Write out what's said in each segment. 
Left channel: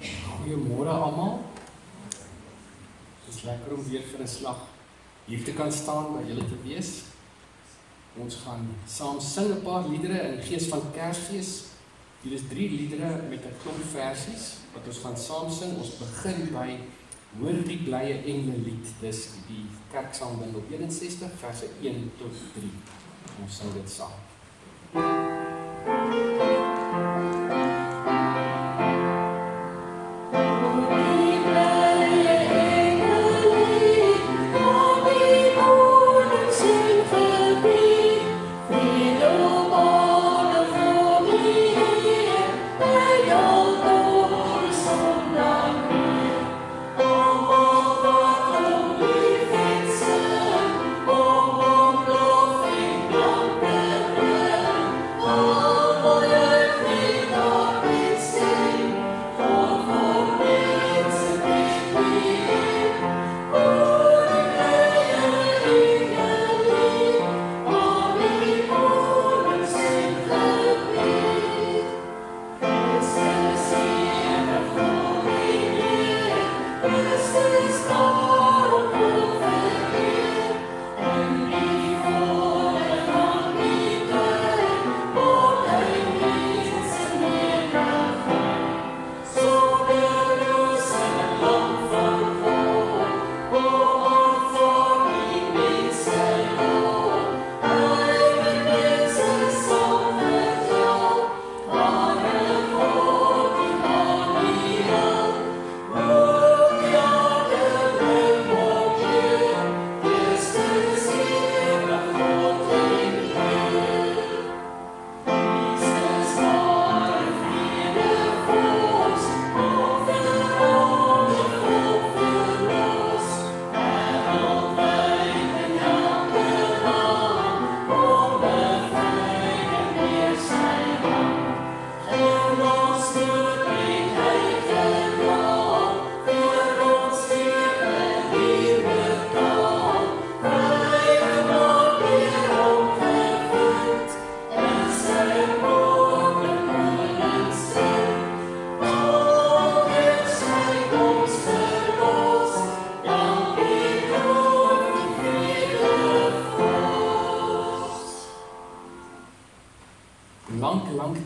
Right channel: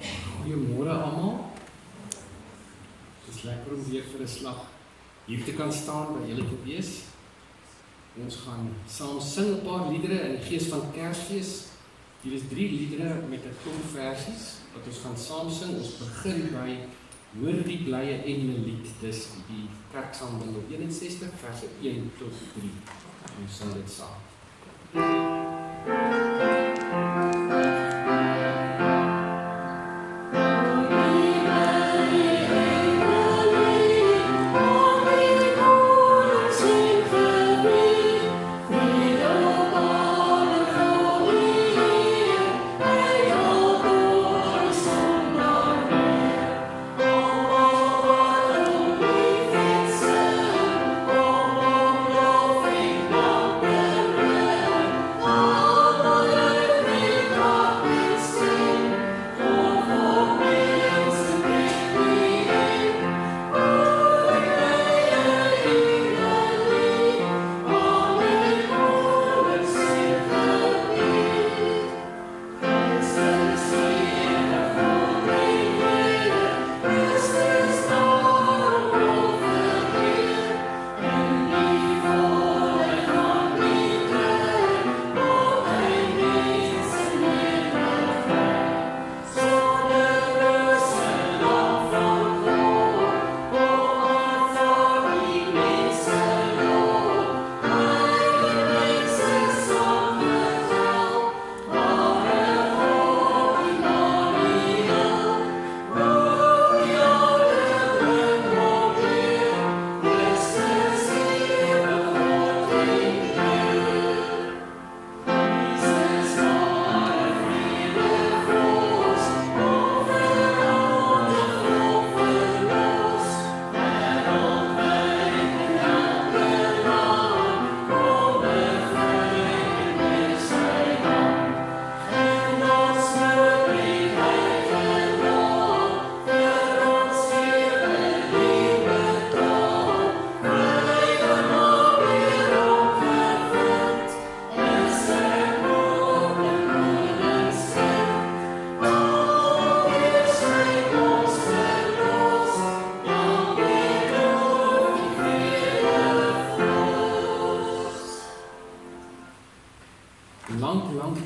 Goeiemôre almal. Het is lekker om weer vir 'n slag hier te kan staan by julle te wees. Ons gaan saam sing 'n paar liedere in die gees van Kersfees. Hier is 3 liedere met 'n klomp versies wat ons gaan saam sing. Ons begin by Hoor die blye engelelied. Dis die Kerksangbundel 61 verse 1 tot 3. Ons sing dit saam.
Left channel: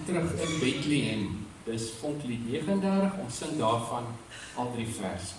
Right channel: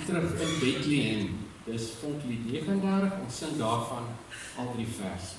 Terug in Bethlehem, dis Vonklied 39, ons sing daarvan al 3 verse.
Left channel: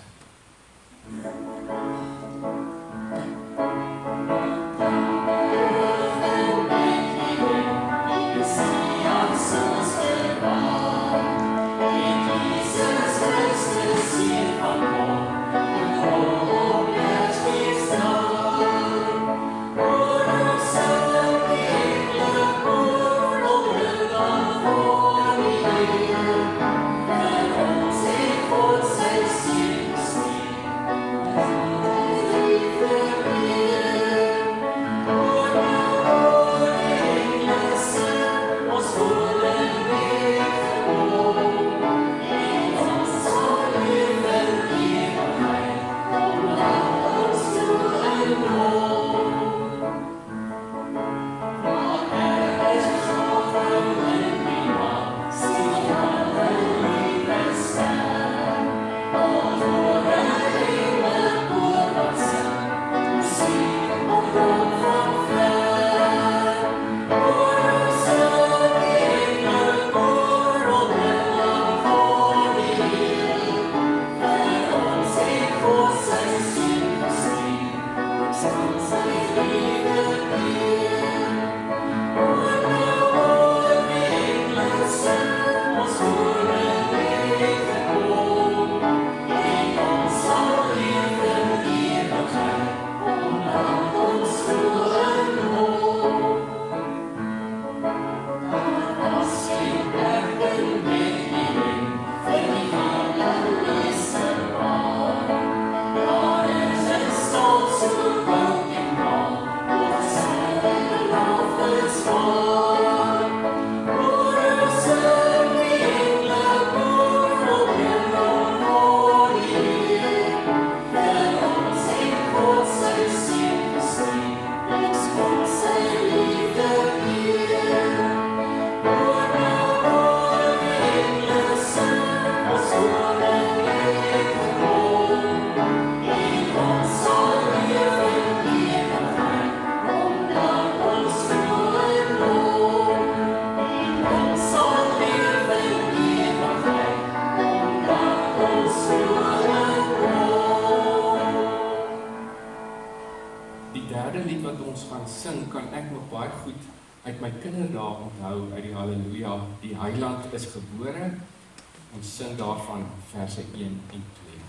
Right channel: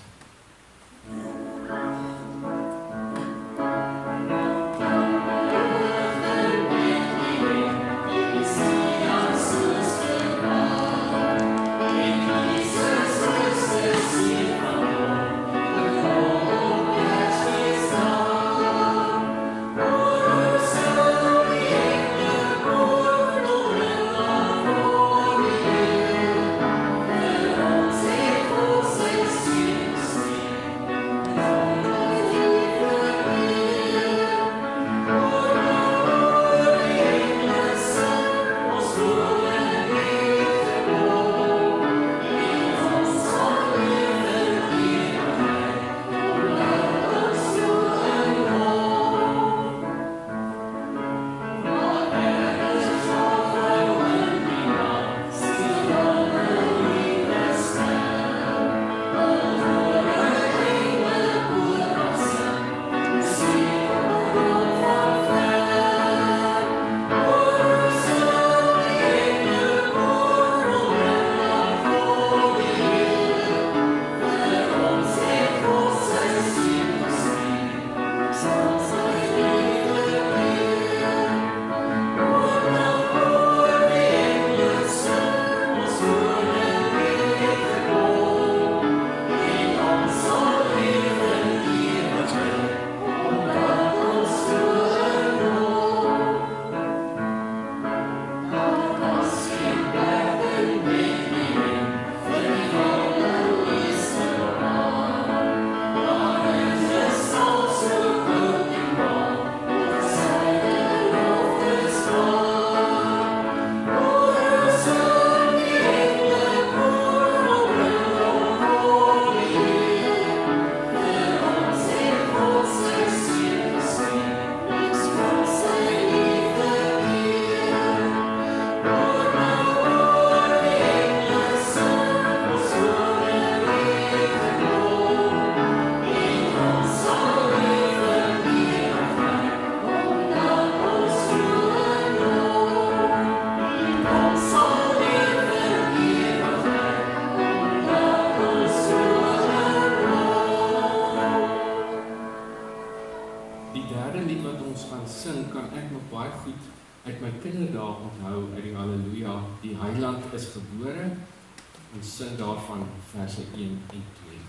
is gebore. Ons sing daarvan verse 1 en 2.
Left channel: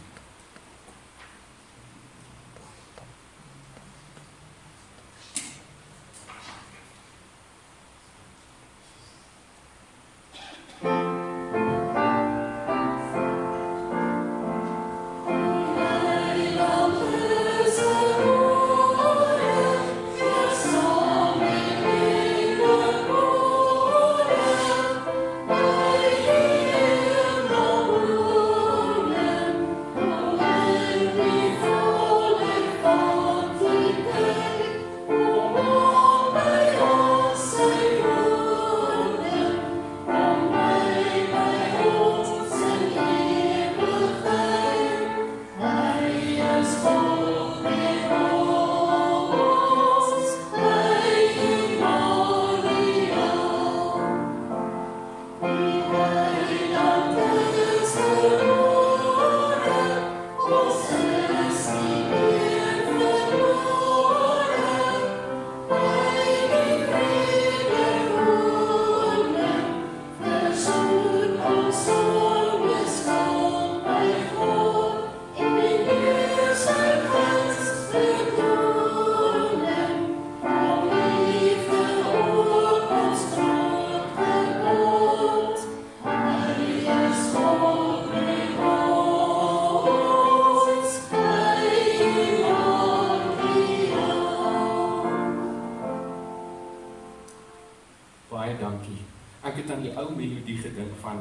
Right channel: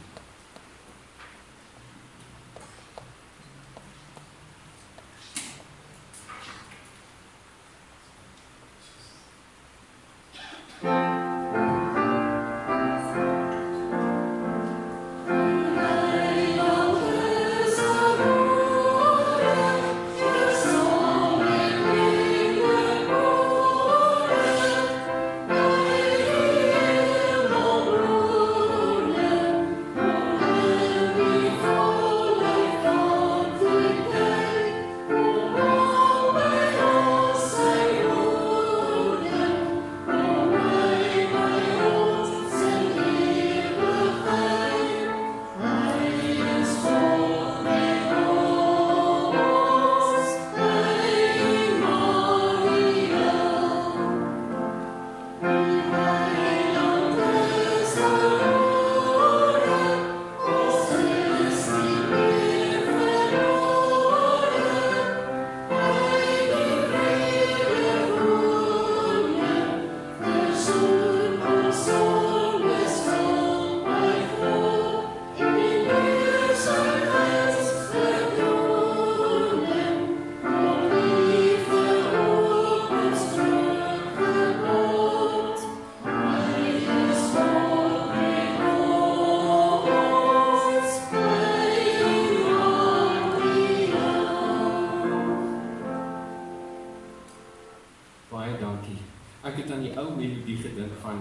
Ek het aan die ou melodie gedink van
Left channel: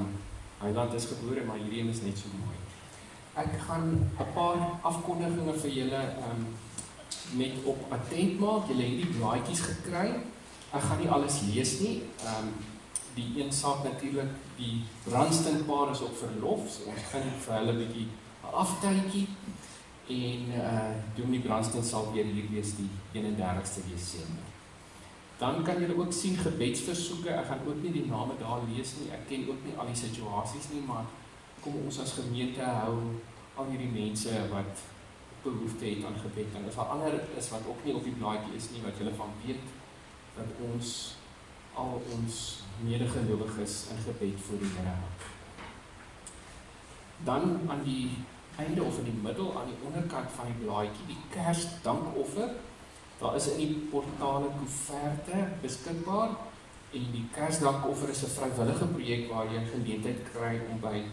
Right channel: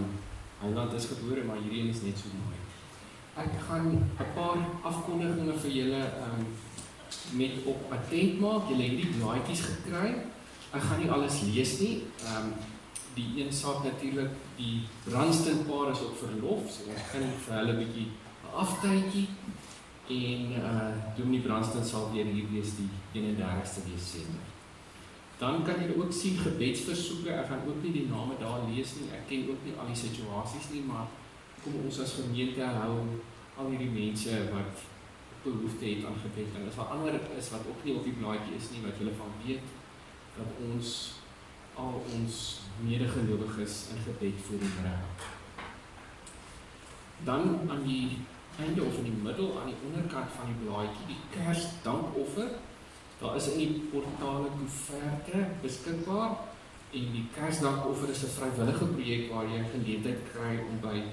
Heiland is gebore, maar hierdie is net so mooi. Ek gaan 'n paar afkondigings vir julle met op attent maak. Julle het die blaadjies gekry. Ek gaan nie alles lees nie. Die een saak natuurlik, die Branston paar is op verlof, so ons gaan vir hulle 'n bietjie 'n aftydjie en Dominee Branston sal weer hier wees die 31ste Desember. Dan kan julle ook sien gebedsversoeke. Ek gaan ook nie die name daar lees nie. Ek ken ook nie al die situasies nie, maar kom ons as gemeente hou al hierdie mense wat behoefte het aan gebed. En as daar ander is wat ook nie op die blaadjie is nie, wat julle van weet, dat ons al ons medegelowiges in gebed voor die Here hou. Dan aan die einde of in die middel, aan die onderkant van die blaadjie, die Kersdankoffer. Daar is in die portale koeverte beskikbaar en die Kersdankoffer is 'n vrywillige projek waar jy geleentheid kry om by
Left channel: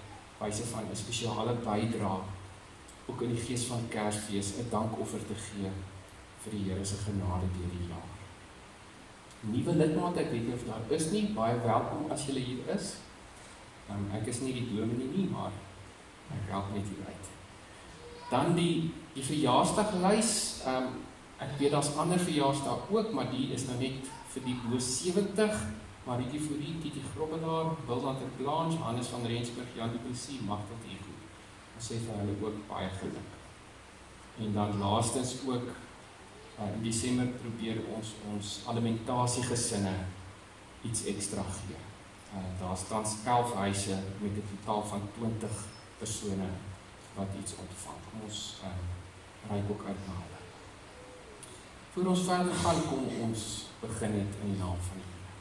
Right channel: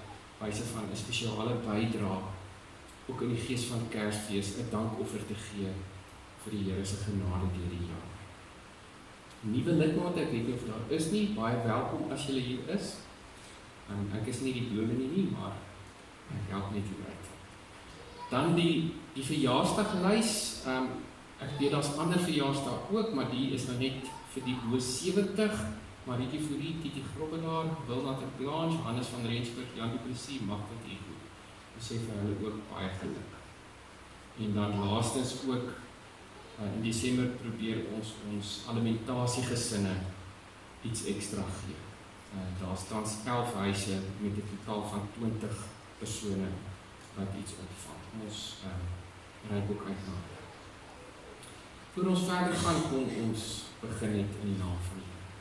wyse van 'n spesiale bydrae ook in die gees van Kersfees 'n dankoffer te gee vir die Here se genade deur die jaar. Nuwe lidmate, ek weet nie of daar is nie, baie welkom as julle hier is. Ek is nie die dominee nie, maar ek help net hier uit. Dan die verjaarsdaglys. Ek weet daar's ander verjaarsdae ook, maar die is nou net vir die bo 70, Marietjie Fourie, Titi Grobbelaar, Wilma ter Blanche, Hannes van Rensburg, Jan du Plessis, Magdalene Ego. Ons sê vir hulle ook baie geluk. En dan laastens ook, in Desember probeer ons alimentasiegesinne iets ekstra gee. Daar's tans 11 huise met 'n totaal van 20 persone wat iets ontvang. Ons reik ook uit na. Voor ons verder gaan, kom ons begin het in die naam van die Here.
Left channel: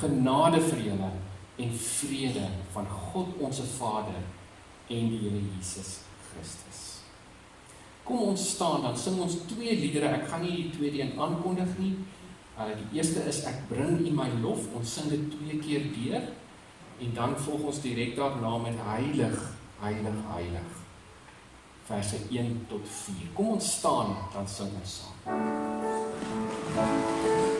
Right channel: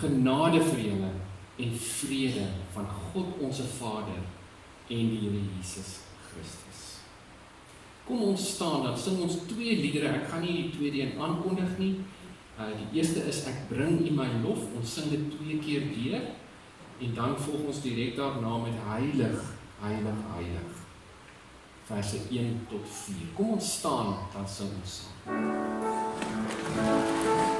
Genade vir julle en vrede van God onze Vader en die Here Jesus Christus. Kom ons staan, dan sing ons 2 liedere. Ek gaan nie die tweede een aankondig nie. Die eerste is Ek bring U my lof. Ons sing dit 2 keer deur. En dan volg ons direk daarna met Heilig, Heilig, Heilig. Verse 1 tot 4. Kom ons staan, dan sing ons saam. Thank you.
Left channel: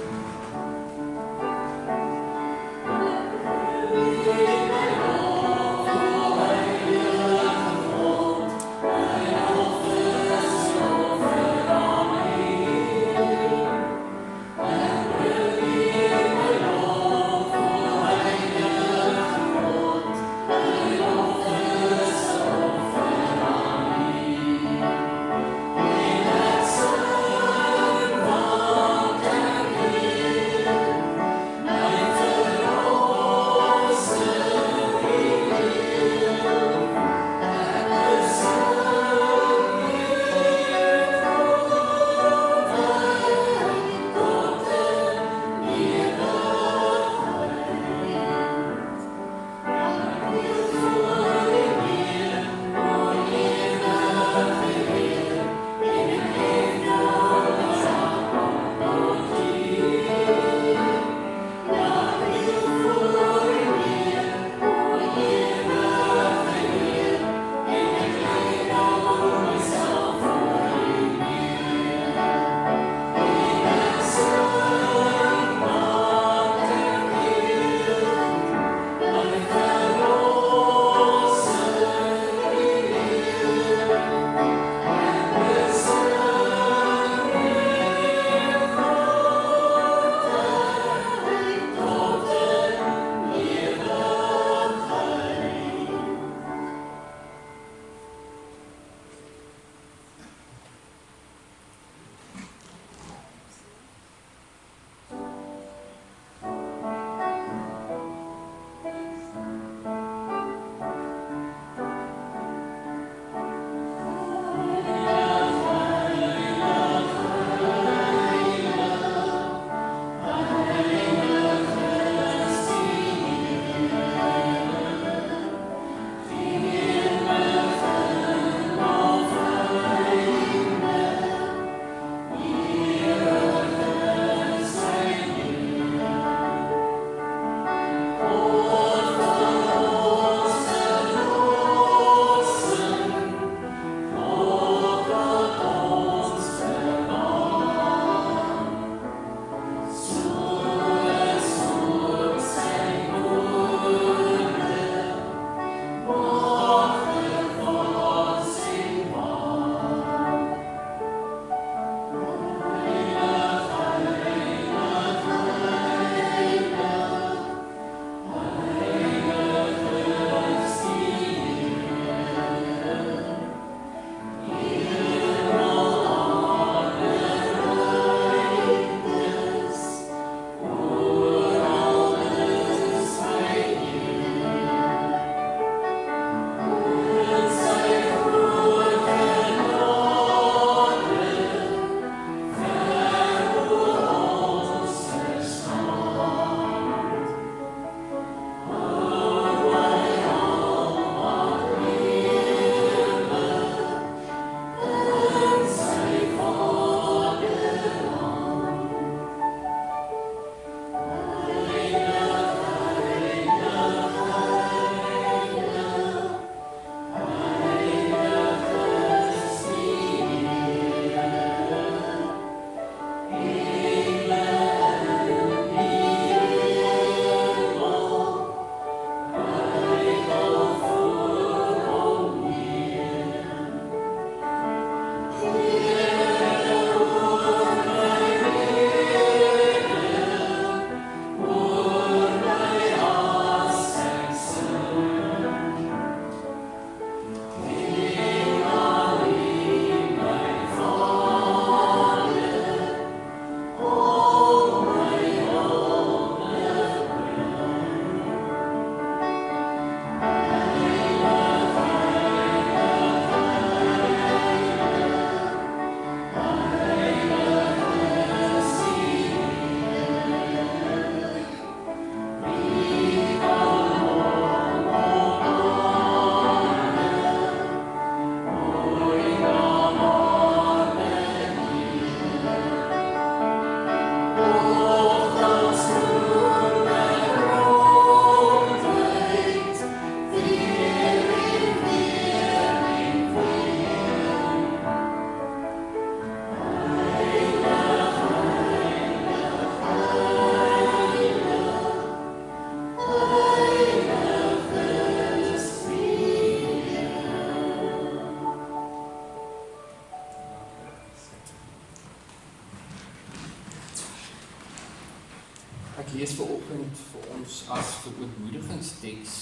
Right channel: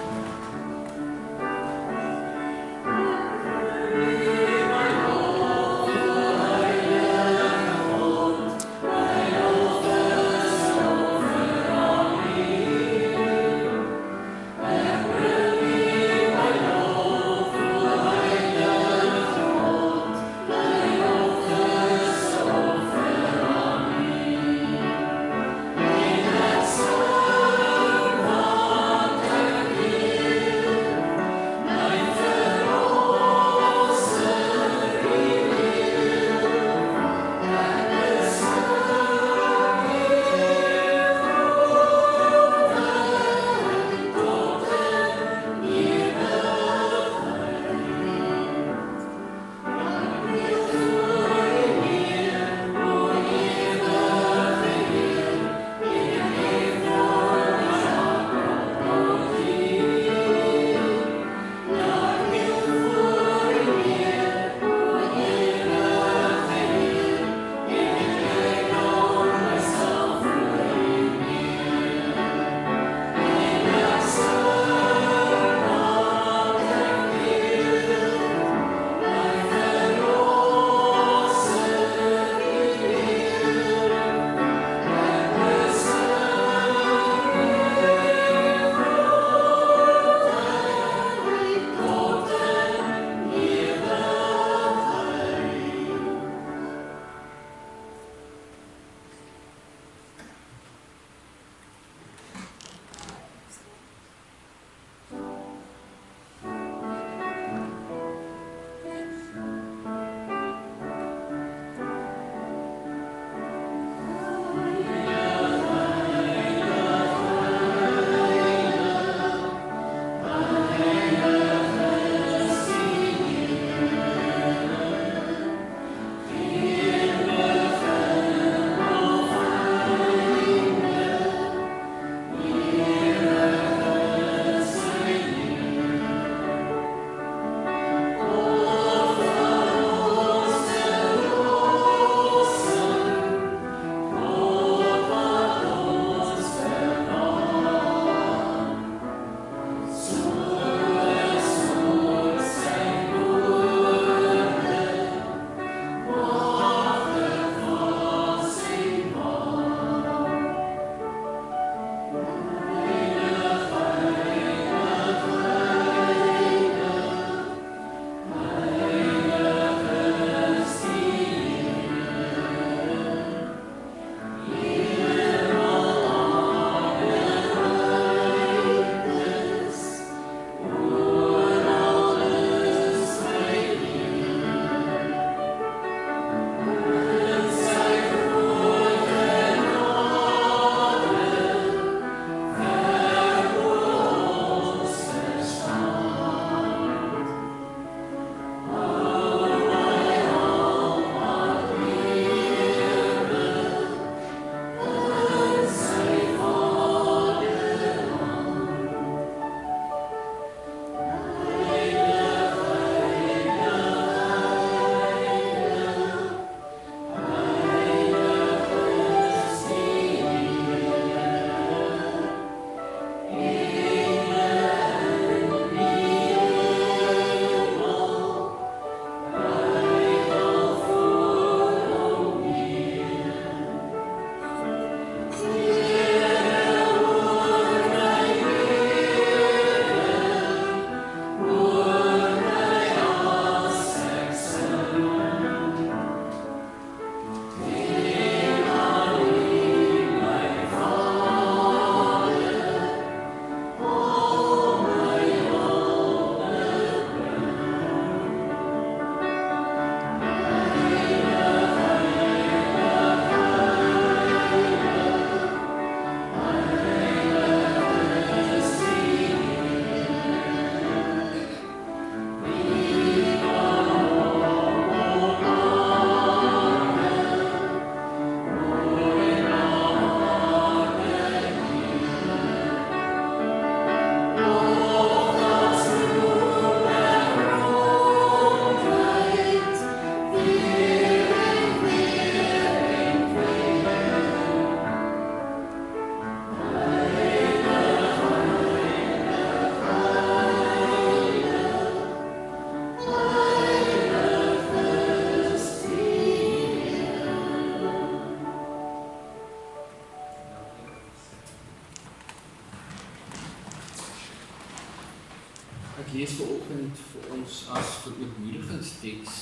Ek lees vanoggend vir ons as verootmoedigingsteks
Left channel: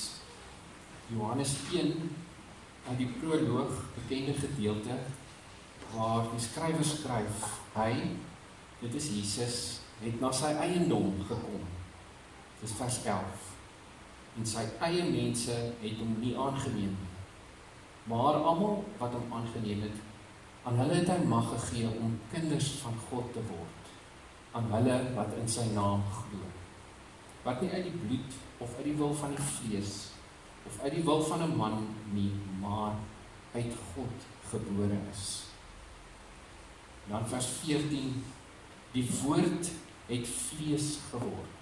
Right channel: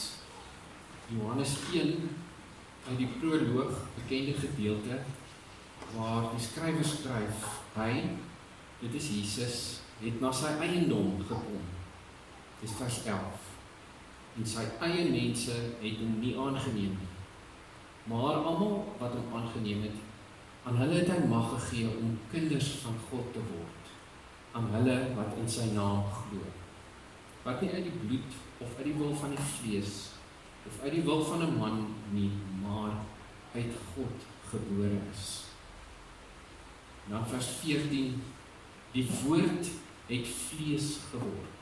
Johannes 1 uit die proloog, bekende gedeelte, waar die skrywer skryf, hy, dit is Jesus, het na sy eiendom gekom. Dis vers 11. En sy eie mense het hom nie aangeneem nie. Maar almal wat hom aangeneem het, aan hulle het hy mag gegee om kinders van God te word. Aan hulle wat in sy naam glo. Wat nie uit die bloed of uit die wil van die vlees of uit die wil van 'n man nie, maar uit God gebore is. Dan vers 14, die woord het vlees geword.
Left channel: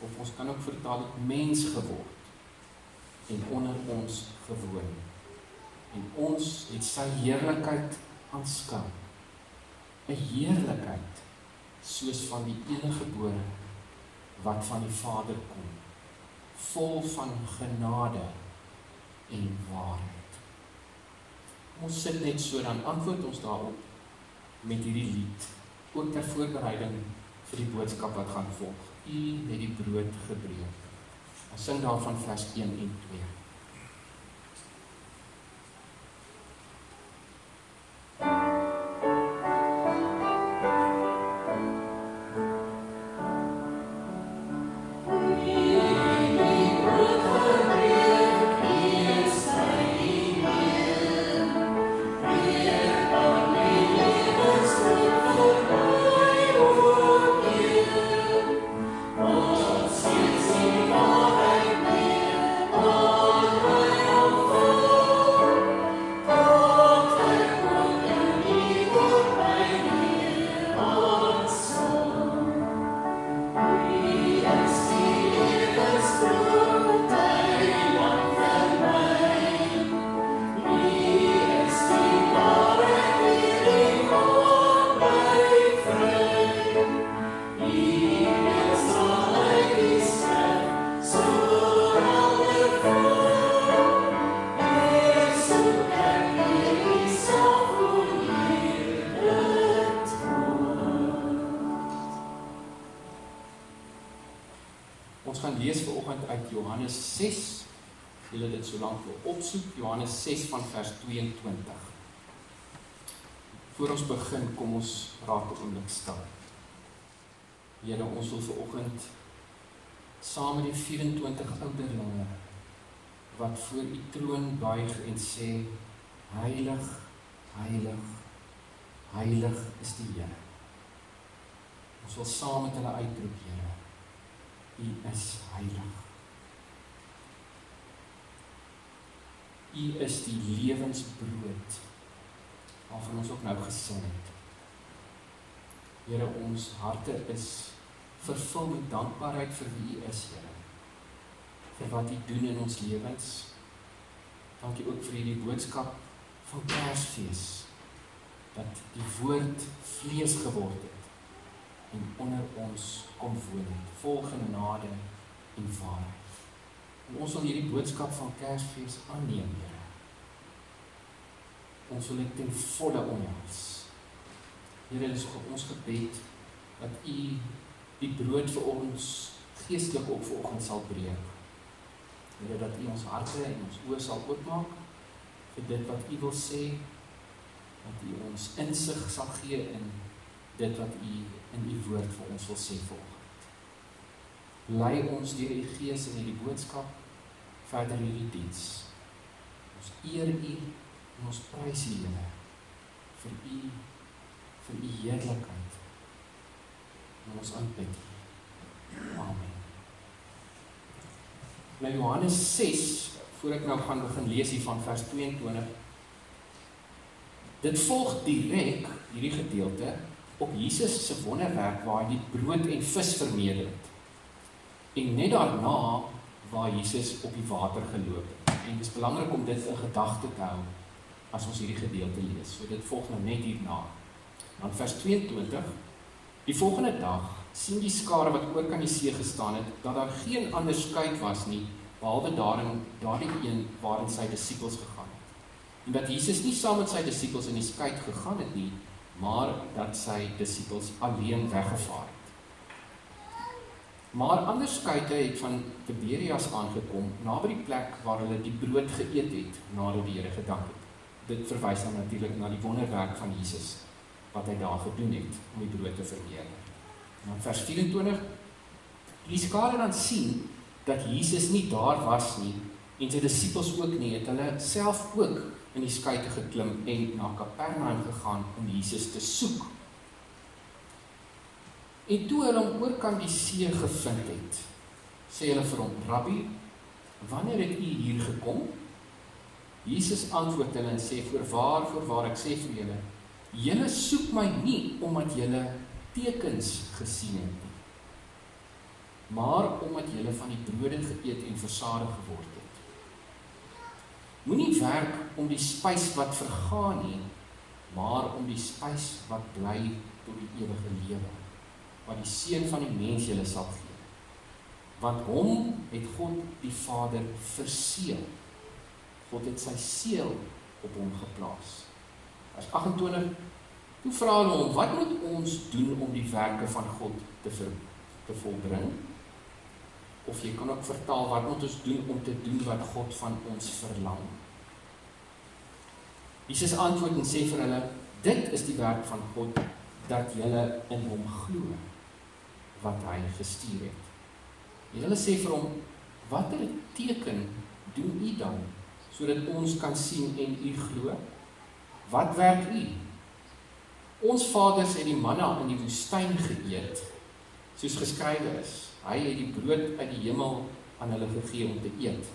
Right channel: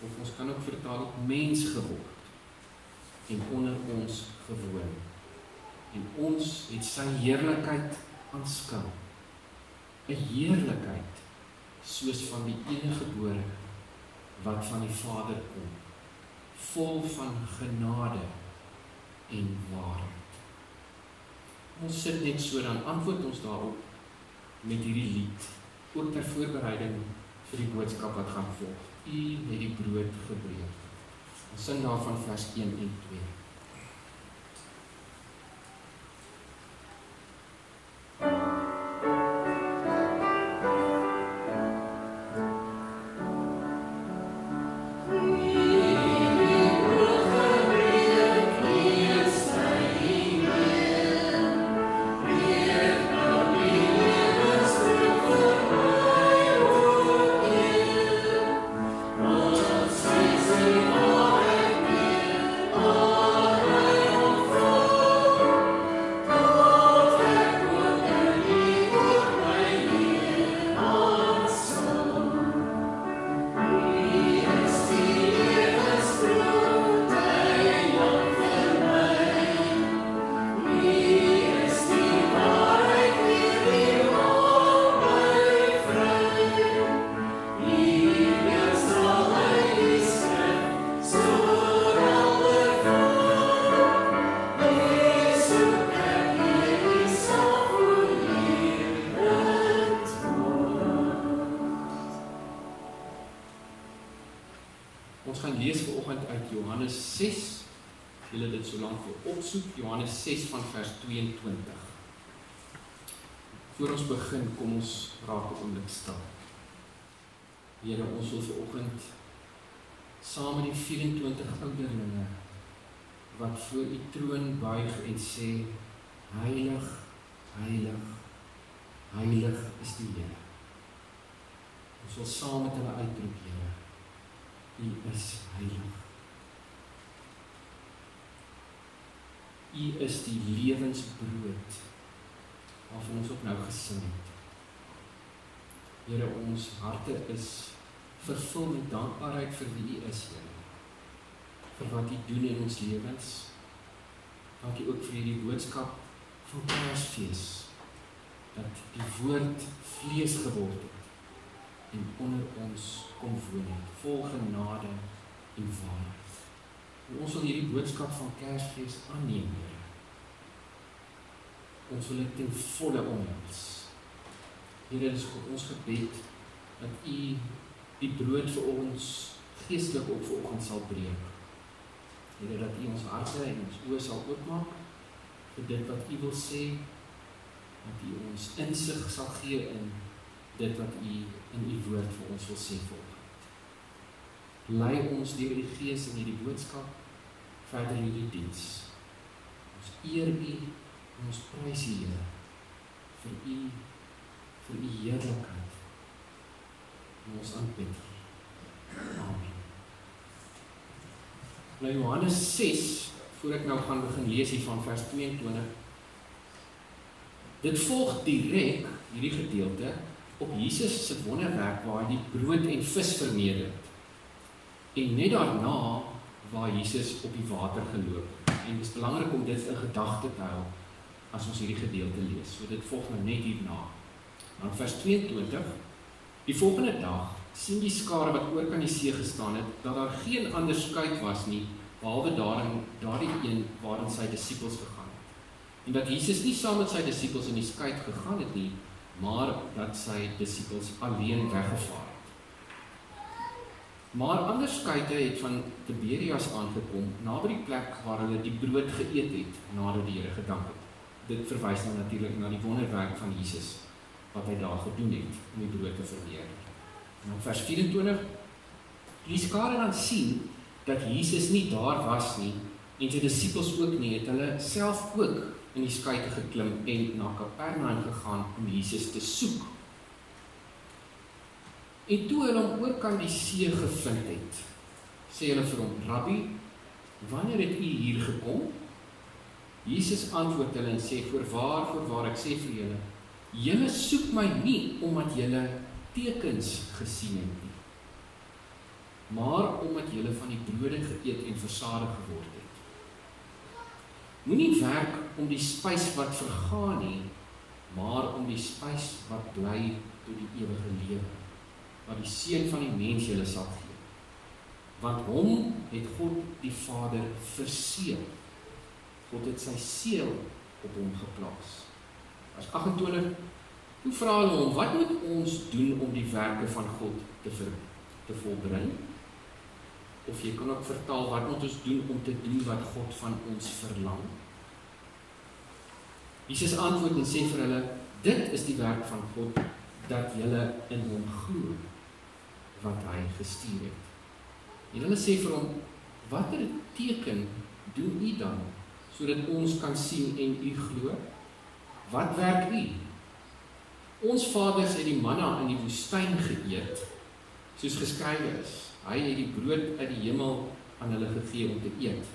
Of ons kan ook vertaal mens geword en onder ons gewoon. En ons het sy heerlikheid aanskou. 'n Heerlikheid soos van die eniggebore wat van die Vader kom, vol van genade en waarheid. Ons sit net so, dan antwoord ons daarop met hierdie lied, ook ter voorbereiding vir die boodskap wat gaan volg. U het die brood gebreek. Ons sing daarvan vers 1 en 2. Ons gaan lees vanoggend uit Johannes 6, julle dit so lank wil opsoek, Johannes 6 van vers 22. Voor ons begin, kom ons raak 'n oomblik stil. Here, ons wil vanoggend saam met die 24 ouderlinge wat voor u troon buig en sê, heilig, heilig, heilig is die Here. Ons wil saam met hulle uitroep, Here, U is heilig. U is die lewensbrood waarvan ons ook nou gesing het. Here, ons harte is vervul met dankbaarheid vir wie U is, Here. Vir wat U doen in ons lewens. Dankie ook vir hierdie boodskap van Kersfees, dat die woord vlees geword het en onder ons kom woon het, vol genade en waarheid. En ons wil hierdie boodskap van Kersfees aanneem, Here. Ons wil dit ten volle omhels. Here, dit is ons gebed dat U die brood vir ons geestelik ook vanoggend sal breek. Here, dat U ons harte en ons oë sal oopmaak vir dit wat U wil sê, dat U ons insig sal gee in dit wat U in U woord vir ons wil sê vanoggend. Lei ons deur U Gees in hierdie boodskap verder in hierdie diens. Ons eer U en ons prys U, Here, vir U heerlikheid. En ons aanbid U. Amen. Nou Johannes 6, voor ek nou gaan begin lees hier van vers 22. Dit volg direk hierdie gedeelte op Jesus se wonderwerk waar hy die brood en vis vermeerder het. En net daarna waar Jesus op die water geloop het. En dit is belangrik om dit in gedagte te hou as ons hierdie gedeelte lees. So dit volg nou net hierna. Dan vers 22. Die volgende dag sien die skare wat oor kan die see gestaan het, dat daar geen ander skuit was nie, behalwe daardie een waarin sy disippels gegaan het. En dat Jesus nie saam met sy disippels in die skuit gegaan het nie, maar dat sy disippels alleen weggevaar het. Maar ander skyke het van Tiberias aangekom, naby die plek waar hulle die brood geëet het, nadat die Here gedank het. Dit verwys nou natuurlik na die wonderwerk van Jesus, wat hy daar gedoen het, om die brood te vermeerder. Nou vers 24, die skare dan sien, dat Jesus nie daar was nie, en sy disippels ook nie, het hulle self ook in die skuite geklim en na Kapernaum gegaan om Jesus te soek. En toe hulle hom oorkant die see gevind het, sê hulle vir hom, Rabbi, wanneer het u hier gekom? Jesus antwoord hulle en sê, voorwaar, ek sê vir julle, julle soek my nie omdat julle tekens gesien het nie, maar omdat julle van die brode geëet en versadig geword het. Moenie werk om die spys wat vergaan nie, maar om die spys wat bly tot die ewige lewe, wat die Seun van die mens julle sal gee. Want hom het God die Vader verseël. God het sy seël op hom geplaas. Vers 28, toe vra hulle hom, wat moet ons doen om die werke van God te volbring? Of jy kan ook vertaal, wat moet ons doen om te doen wat God van ons verlang? Jesus antwoord en sê vir hulle, dit is die werk van God, dat julle in hom glo, wat hy gestuur het. En hulle sê vir hom, watter teken doen u dan, sodat ons kan sien en u glo? Wat werk u? Ons vaders het die manna in die woestyn geëet, soos geskrywe is. Hy het die brood uit die hemel aan hulle gegee om te eet.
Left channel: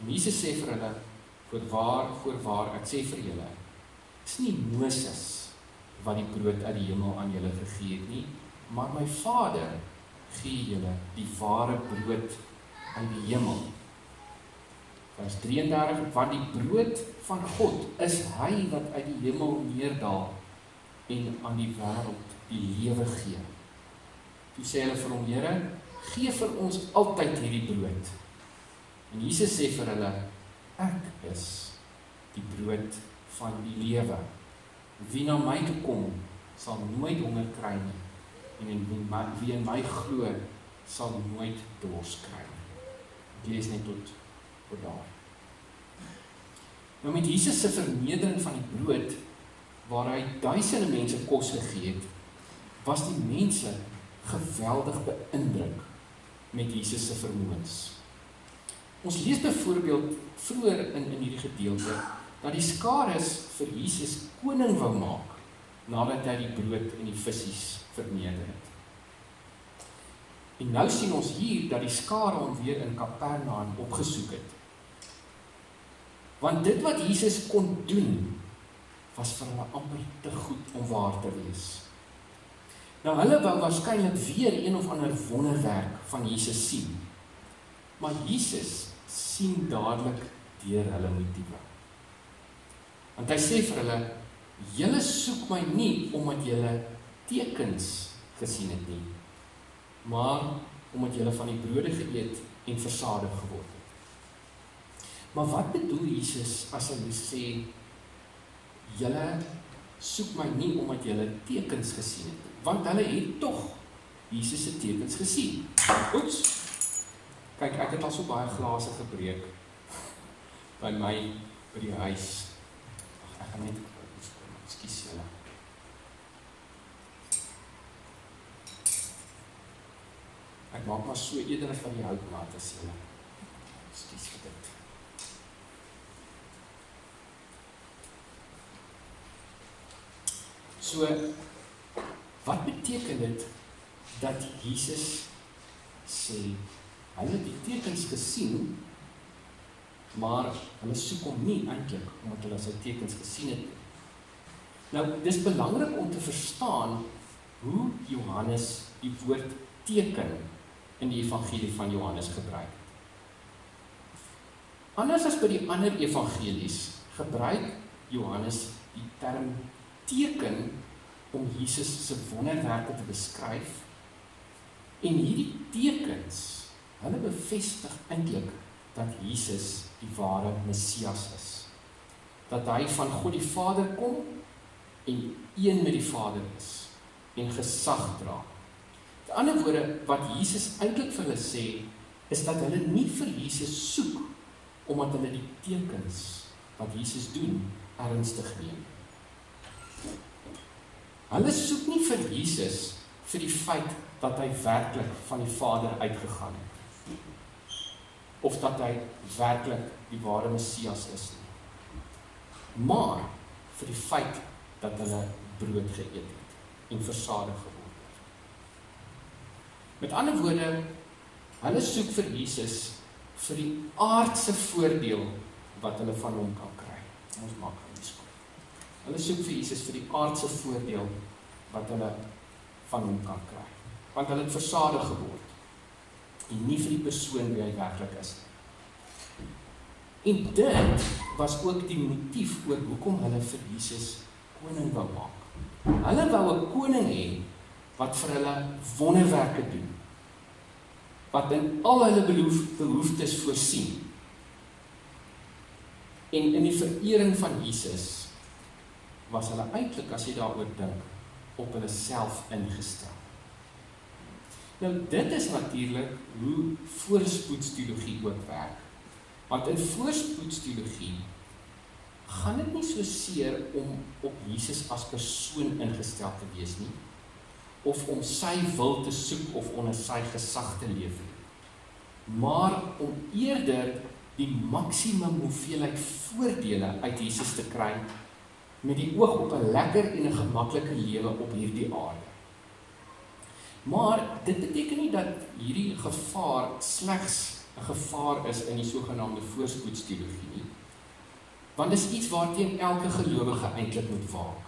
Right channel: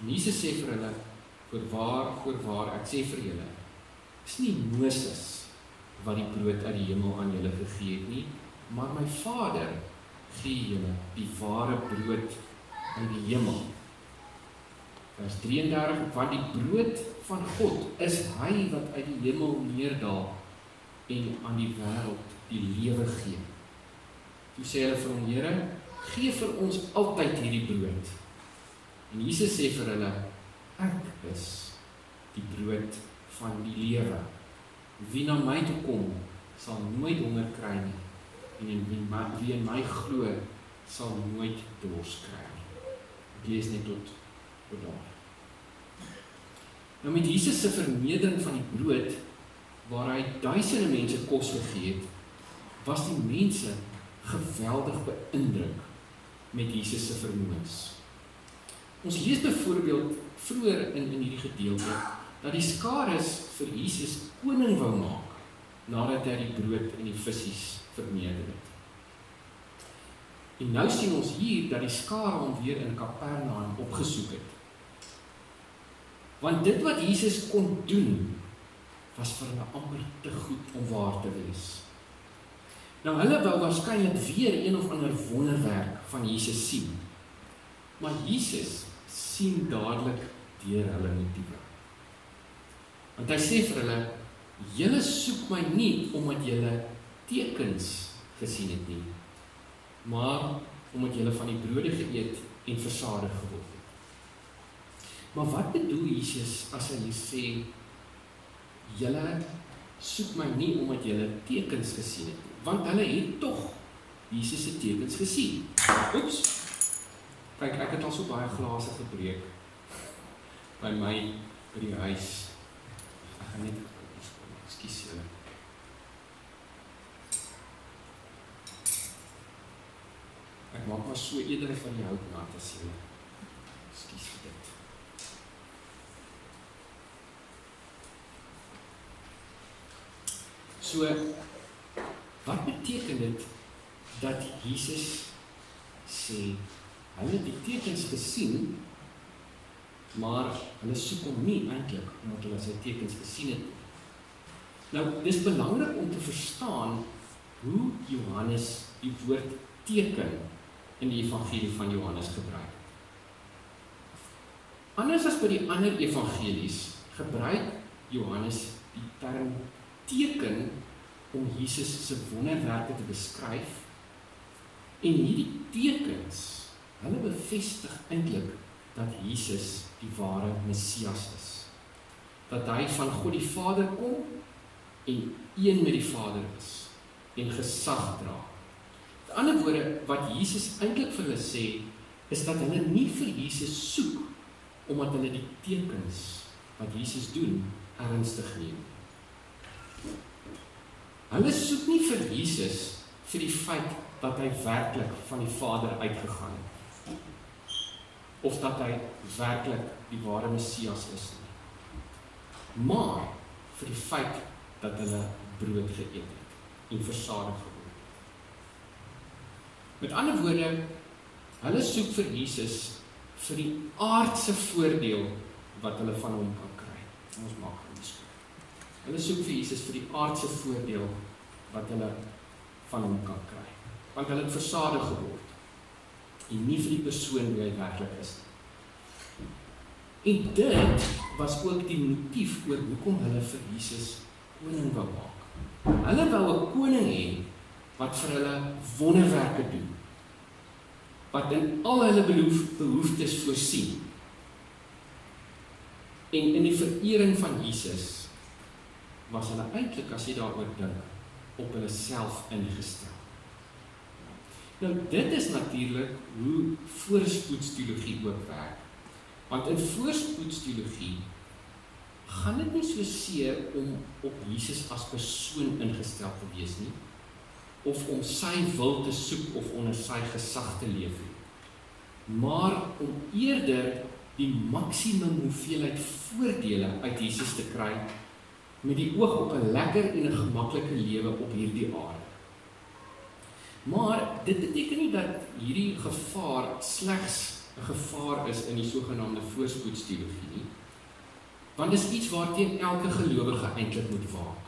En Jesus sê vir hulle, voorwaar, ek sê vir julle, is nie Moses wat die brood uit die hemel aan julle gegee het nie, maar my Vader gee julle die ware brood uit die hemel. Vers 33, want die brood van God is hy wat uit die hemel neerdal en aan die wêreld die lewe gee. Toe sê hulle vir hom, Here, gee vir ons altyd hierdie brood. En Jesus sê vir hulle, ek is die brood van die lewe. Wie na my toe kom, sal nooit honger kry nie, en wie in my glo, sal nooit dors kry nie. Ek lees net tot daar. Nou met Jesus se vermeerdering van die brood, waar hy duisende mense kos gegee het, was die mense geweldig beïndruk met Jesus se vermoëns. Ons lees byvoorbeeld vroeër in hierdie gedeelte, dat die skares vir Jesus koning wou maak, nadat hy die brood en die visies vermeerder het. En nou sien ons hier, dat die skare hom weer in Kapernaum opgesoek het. Want dit wat Jesus kon doen, was vir hulle amper te goed om waar te wees. Nou hulle wou waarskynlik weer een of ander wonderwerk van Jesus sien. Maar Jesus sien dadelik deur hulle motiewe. Want hy sê vir hulle, julle soek my nie omdat julle tekens gesien het nie, maar omdat julle van die brode geëet en versadig geword het. Maar wat bedoel Jesus as hy sê, julle soek my nie omdat julle tekens gesien het nie, want hulle het tog Jesus se tekens gesien. Oeps, kyk, ek het al so baie glase gebreek by my, by die huis. Ek gaan net, ekskuus julle. Ek maak maar so eerder van die houtmaat as julle. Ekskuus vir dit. So, wat beteken dit dat Jesus sê, hulle het die tekens gesien, maar hulle soek hom nie eintlik omdat hulle sy tekens gesien het. Nou, dis belangrik om te verstaan hoe Johannes die woord teken in die evangelie van Johannes gebruik. Anders as by die ander evangelies gebruik Johannes die term teken om Jesus se wonderwerke te beskryf, en hierdie tekens, hulle bevestig eintlik dat Jesus die ware Messias is. Dat hy van God die Vader kom en een met die Vader is en gesag dra. Met ander woorde, wat Jesus eintlik vir hulle sê, is dat hulle nie vir Jesus soek, omdat hulle die tekens wat Jesus doen, ernstig neem. Hulle soek nie vir Jesus vir die feit dat hy werklik van die Vader uitgegaan het, of dat hy werklik die ware Messias is nie, maar vir die feit dat hulle brood geëet het en versadig geword het. Met ander woorde, hulle soek vir Jesus vir die aardse voordeel wat hulle van hom kan kry. Ons maak aan die skool. Hulle soek vir Jesus vir die aardse voordeel wat hulle van hom kan kry. Want hulle het versadig geword en nie vir die persoon wie hy werklik is. En dit was ook die motief oor hoekom hulle vir Jesus koning wou maak. Hulle wou 'n koning hê wat vir hulle wonderwerke doen, wat in al hulle behoeftes voorsien. En in die verering van Jesus was hulle eintlik, as jy daaroor dink, op hulle self ingestel. Nou, dit is natuurlik hoe voorspoedsteologie ook werk. Want in voorspoedsteologie gaan dit nie so seer om op Jesus as persoon ingestel te wees nie, of om sy wil te soek of onder sy gesag te leef nie, maar om eerder die maksimum hoeveelheid voordele uit Jesus te kry met die oog op 'n lekker en 'n gemaklike lewe op hierdie aarde. Maar dit beteken nie dat hierdie gevaar slegs 'n gevaar is in die sogenaamde voorspoedsteologie nie, want dit is iets waarteen elke gelowige eintlik moet waak.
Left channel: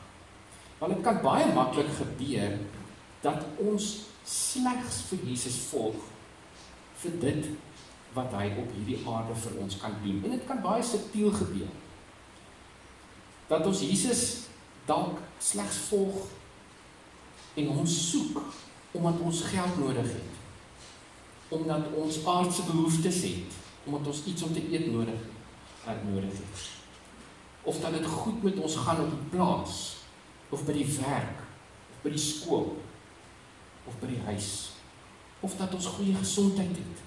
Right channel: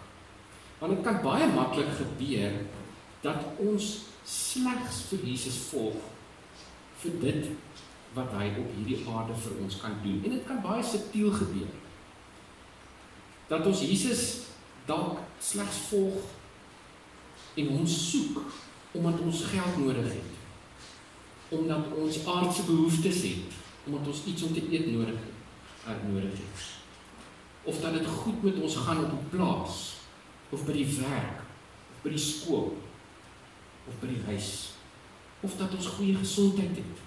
Want dit kan baie maklik gebeur dat ons slegs vir Jesus volg vir dit wat hy op hierdie aarde vir ons kan doen. En dit kan baie subtiel gebeur. Dat ons Jesus dalk slegs volg en hom soek omdat ons geld nodig het, omdat ons aardse behoeftes het, omdat ons iets om te eet nodig het, of dat dit goed met ons gaan op die plaas, of by die werk, of by die skool, of by die huis, of dat ons goeie gesondheid het.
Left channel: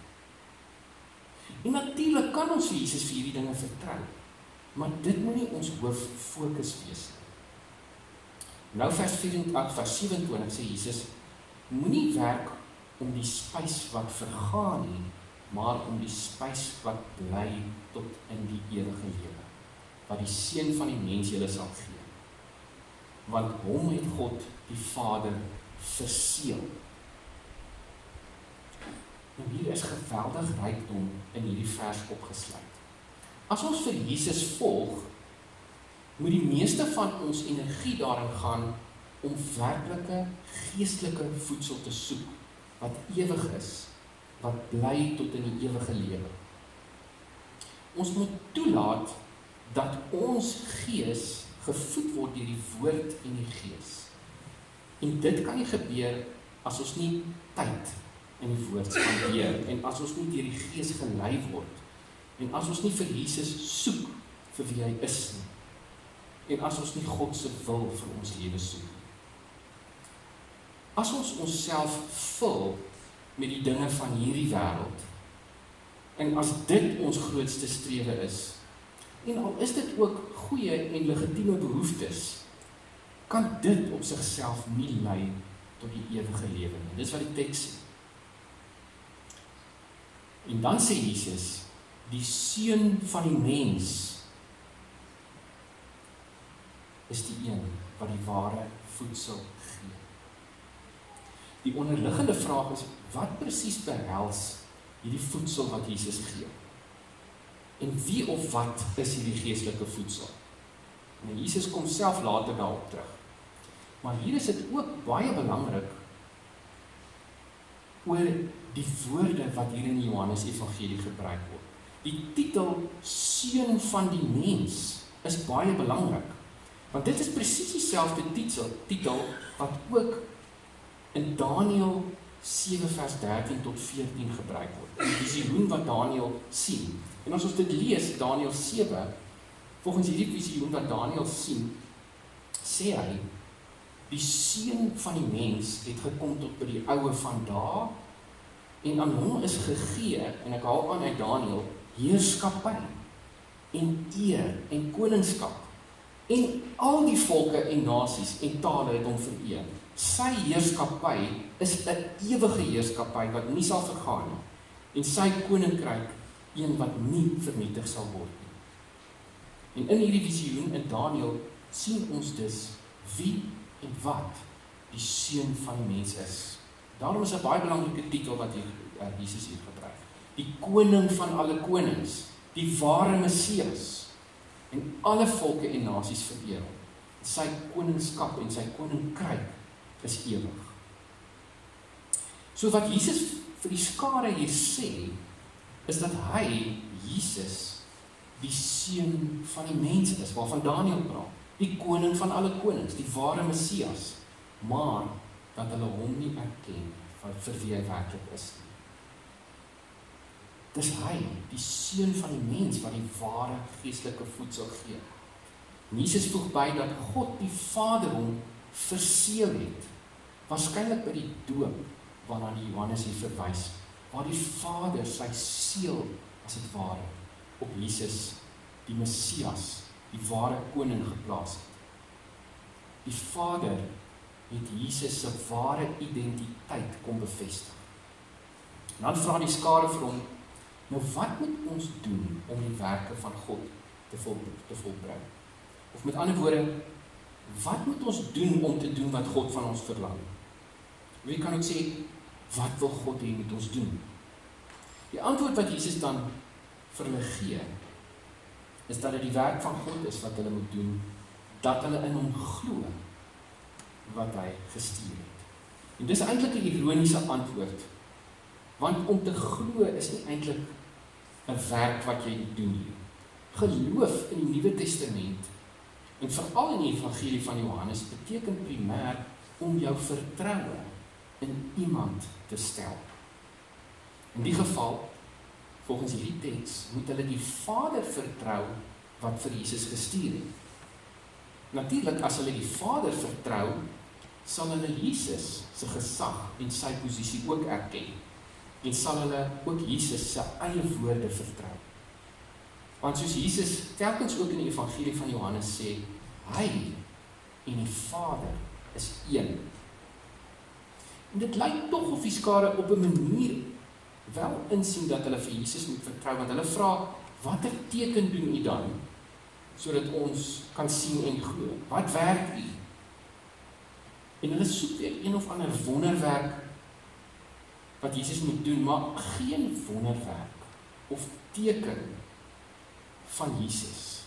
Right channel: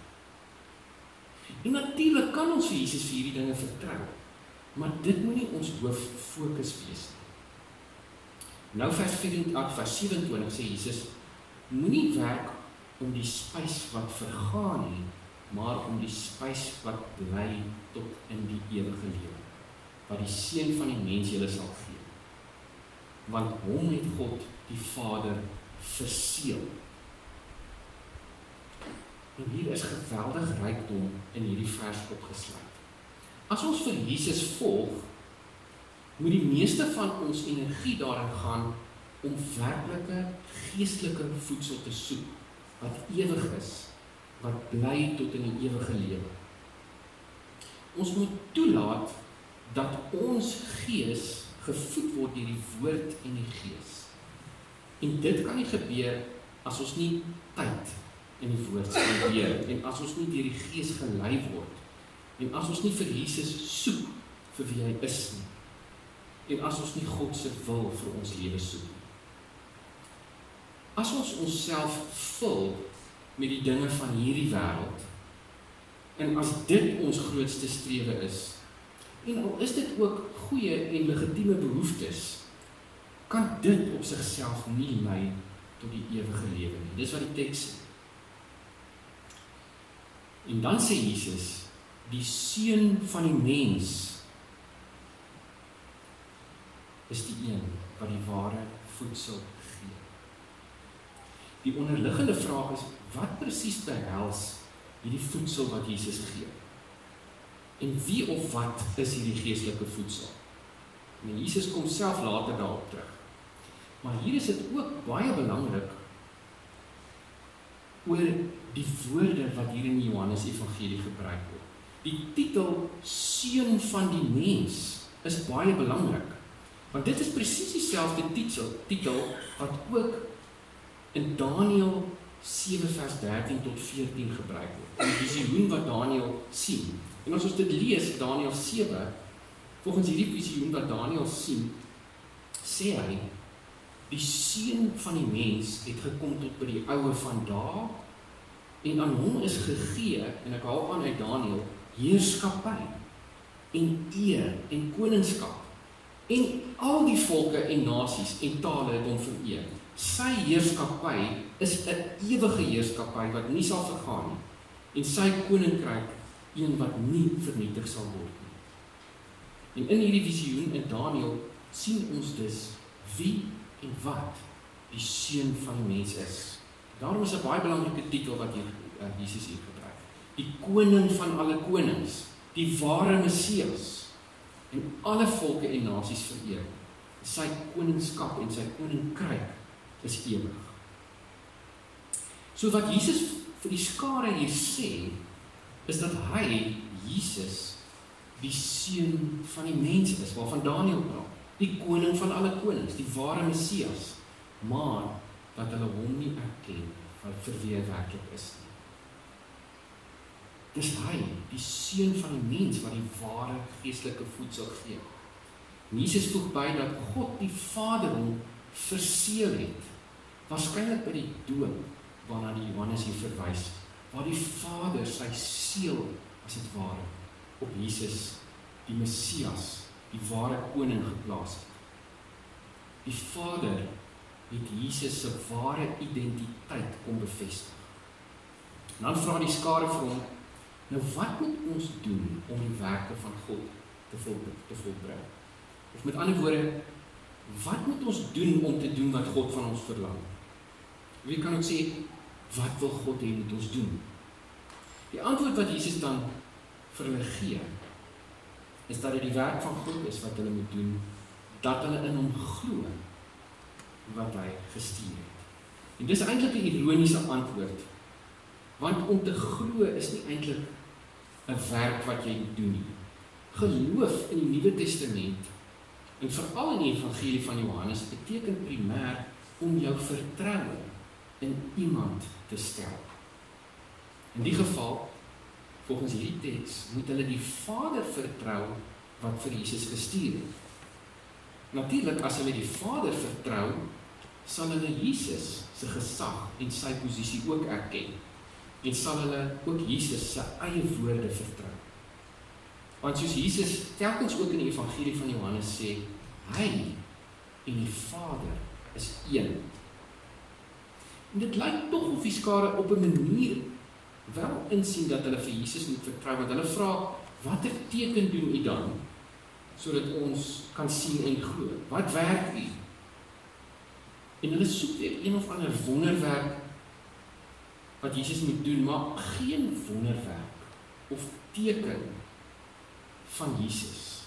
En natuurlik kan ons vir Jesus vir hierdie dinge vertrou, maar dit moet nie ons hooffokus wees nie. Nou vers 24, vers 27 sê Jesus, moenie werk om die spys wat vergaan nie, maar om die spys wat bly tot in die ewige lewe, wat die Seun van die mens julle sal gee. Want hom het God die Vader verseël. En hier is geweldig rykdom in hierdie vers opgesluit. As ons vir Jesus volg, moet die meeste van ons energie daarin gaan om werklike geestelike voedsel te soek, wat ewig is, wat bly tot in die ewige lewe. Ons moet toelaat dat ons gees gevoed word deur die woord en die gees. En dit kan nie gebeur as ons nie tyd in die woord spandeer, en as ons nie deur die gees gelei word, en as ons nie vir Jesus soek vir wie hy is nie, en as ons nie God se wil vir ons lewe soek nie. As ons onsself vul met die dinge van hierdie wêreld, en as dit ons grootste strewe is, en al is dit ook goeie en legitieme behoeftes, kan dit op sigself nie lei tot die ewige lewe nie. Dis wat die teks sê. En dan sê Jesus, die Seun van die mens is die een wat die ware voedsel gee. Die onderliggende vraag is, wat presies behels hierdie voedsel wat Jesus gee? En wie of wat is hierdie geestelike voedsel? En Jesus kom self later daarop terug. Maar hier is dit ook baie belangrik oor die woorde wat hier in die Johannes Evangelie gebruik word. Die titel Seun van die mens is baie belangrik, want dit is presies dieselfde titel wat ook in Daniël 7 vers 13 tot 14 gebruik word. Die visioen wat Daniël sien. En as ons dit lees, Daniël 7, volgens hierdie visioen wat Daniël sien, sê hy, die seun van die mens het gekom tot by die oue van dae, en aan hom is gegee, en ek haal aan uit Daniël, heerskappy, en eer, en koningskap, en al die volke en nasies en tale het hom vereer. Sy heerskappy is 'n ewige heerskappy wat nie sal vergaan nie, en sy koninkryk een wat nie vernietig sal word nie. En in hierdie visioen in Daniël sien ons dus wie en wat die seun van die mens is. Daarom is 'n baie belangrike titel wat Jesus hier gebruik. Die koning van alle konings, die ware Messias, en alle volke en nasies vereer. Sy koningskap en sy koninkryk is ewig. So wat Jesus vir die skare hier sê, is dat hy, Jesus, die seun van die mens is, waarvan Daniël praat, die koning van alle konings, die ware Messias, maar dat hulle hom nie erken vir wie hy werklik is nie. Dis hy, die seun van die mens, wat die ware geestelike voedsel gee. Jesus voeg by dat God die Vader hom verseël het, waarskynlik by die doop, waarna die Johannes hier verwys, waar die Vader sy seël, as het ware, op Jesus, die Messias, die ware koning geplaas het. Die Vader het Jesus se ware identiteit kom bevestig. En dan vra die skare vir hom, nou wat moet ons doen om die werke van God te volbring? Of met ander woorde, wat moet ons doen om te doen wat God van ons verlang? Wie kan ook sê, wat wil God hê moet ons doen? Die antwoord wat Jesus dan vir hulle gee, is dat dit die werk van God is wat hulle moet doen, dat hulle in hom glo, wat hy gestuur het. En dis eintlik 'n ironiese antwoord, want om te glo is nie eintlik 'n werk wat jy doen nie. Geloof in die Nuwe Testament, en veral in die evangelie van Johannes, beteken primêr om jou vertroue in iemand te stel. In die geval, volgens hierdie teks, moet hulle die Vader vertrou wat vir Jesus gestuur het. Natuurlik, as hulle die Vader vertrou, sal hulle Jesus se gesag en sy posisie ook erken, en sal hulle ook Jesus se eie woorde vertrou. Want soos Jesus telkens ook in die evangelie van Johannes sê, hy en die Vader is een. En dit lyk tog of die skare op 'n manier wel insien dat hulle vir Jesus moet vertrou, want hulle vra, watter teken doen u dan, sodat ons kan sien en glo? Wat werk u? En hulle soek weer een of ander wonderwerk wat Jesus moet doen, maar geen wonderwerk of teken van Jesus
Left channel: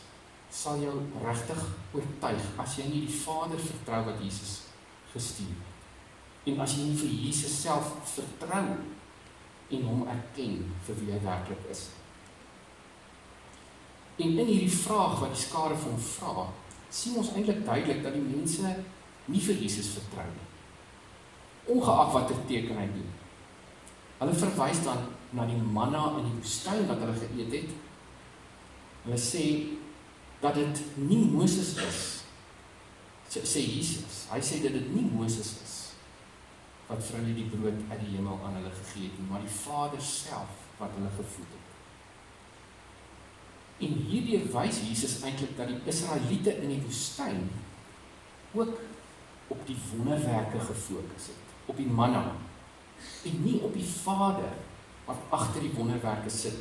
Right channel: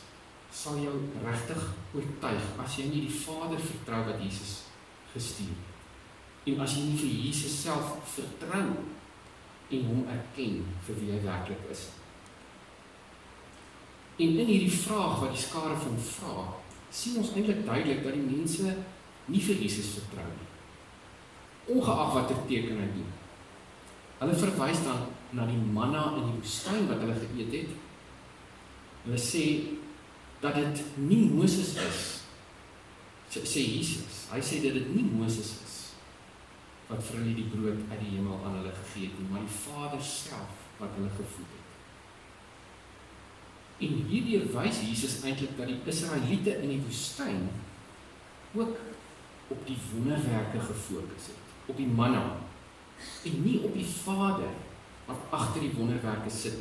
sal jou regtig oortuig as jy nie die Vader vertrou wat Jesus gestuur het. En as jy nie vir Jesus self vertrou en hom erken vir wie hy werklik is. En in hierdie vraag wat die skare vir hom vra, sien ons eintlik duidelik dat die mense nie vir Jesus vertrou nie, ongeag watter teken hy doen. Hulle verwys dan na die manna in die woestyn wat hulle geëet het. Hulle sê dat dit nie Moses is, sê Jesus. Hy sê dat dit nie Moses is wat vir hulle die brood uit die hemel aan hulle gegee het, maar die Vader self wat hulle gevoed het. En hierdeur wys Jesus eintlik dat die Israeliete in die woestyn ook op die wonderwerke gefokus het, op die manna, en nie op die Vader wat agter die wonderwerke sit.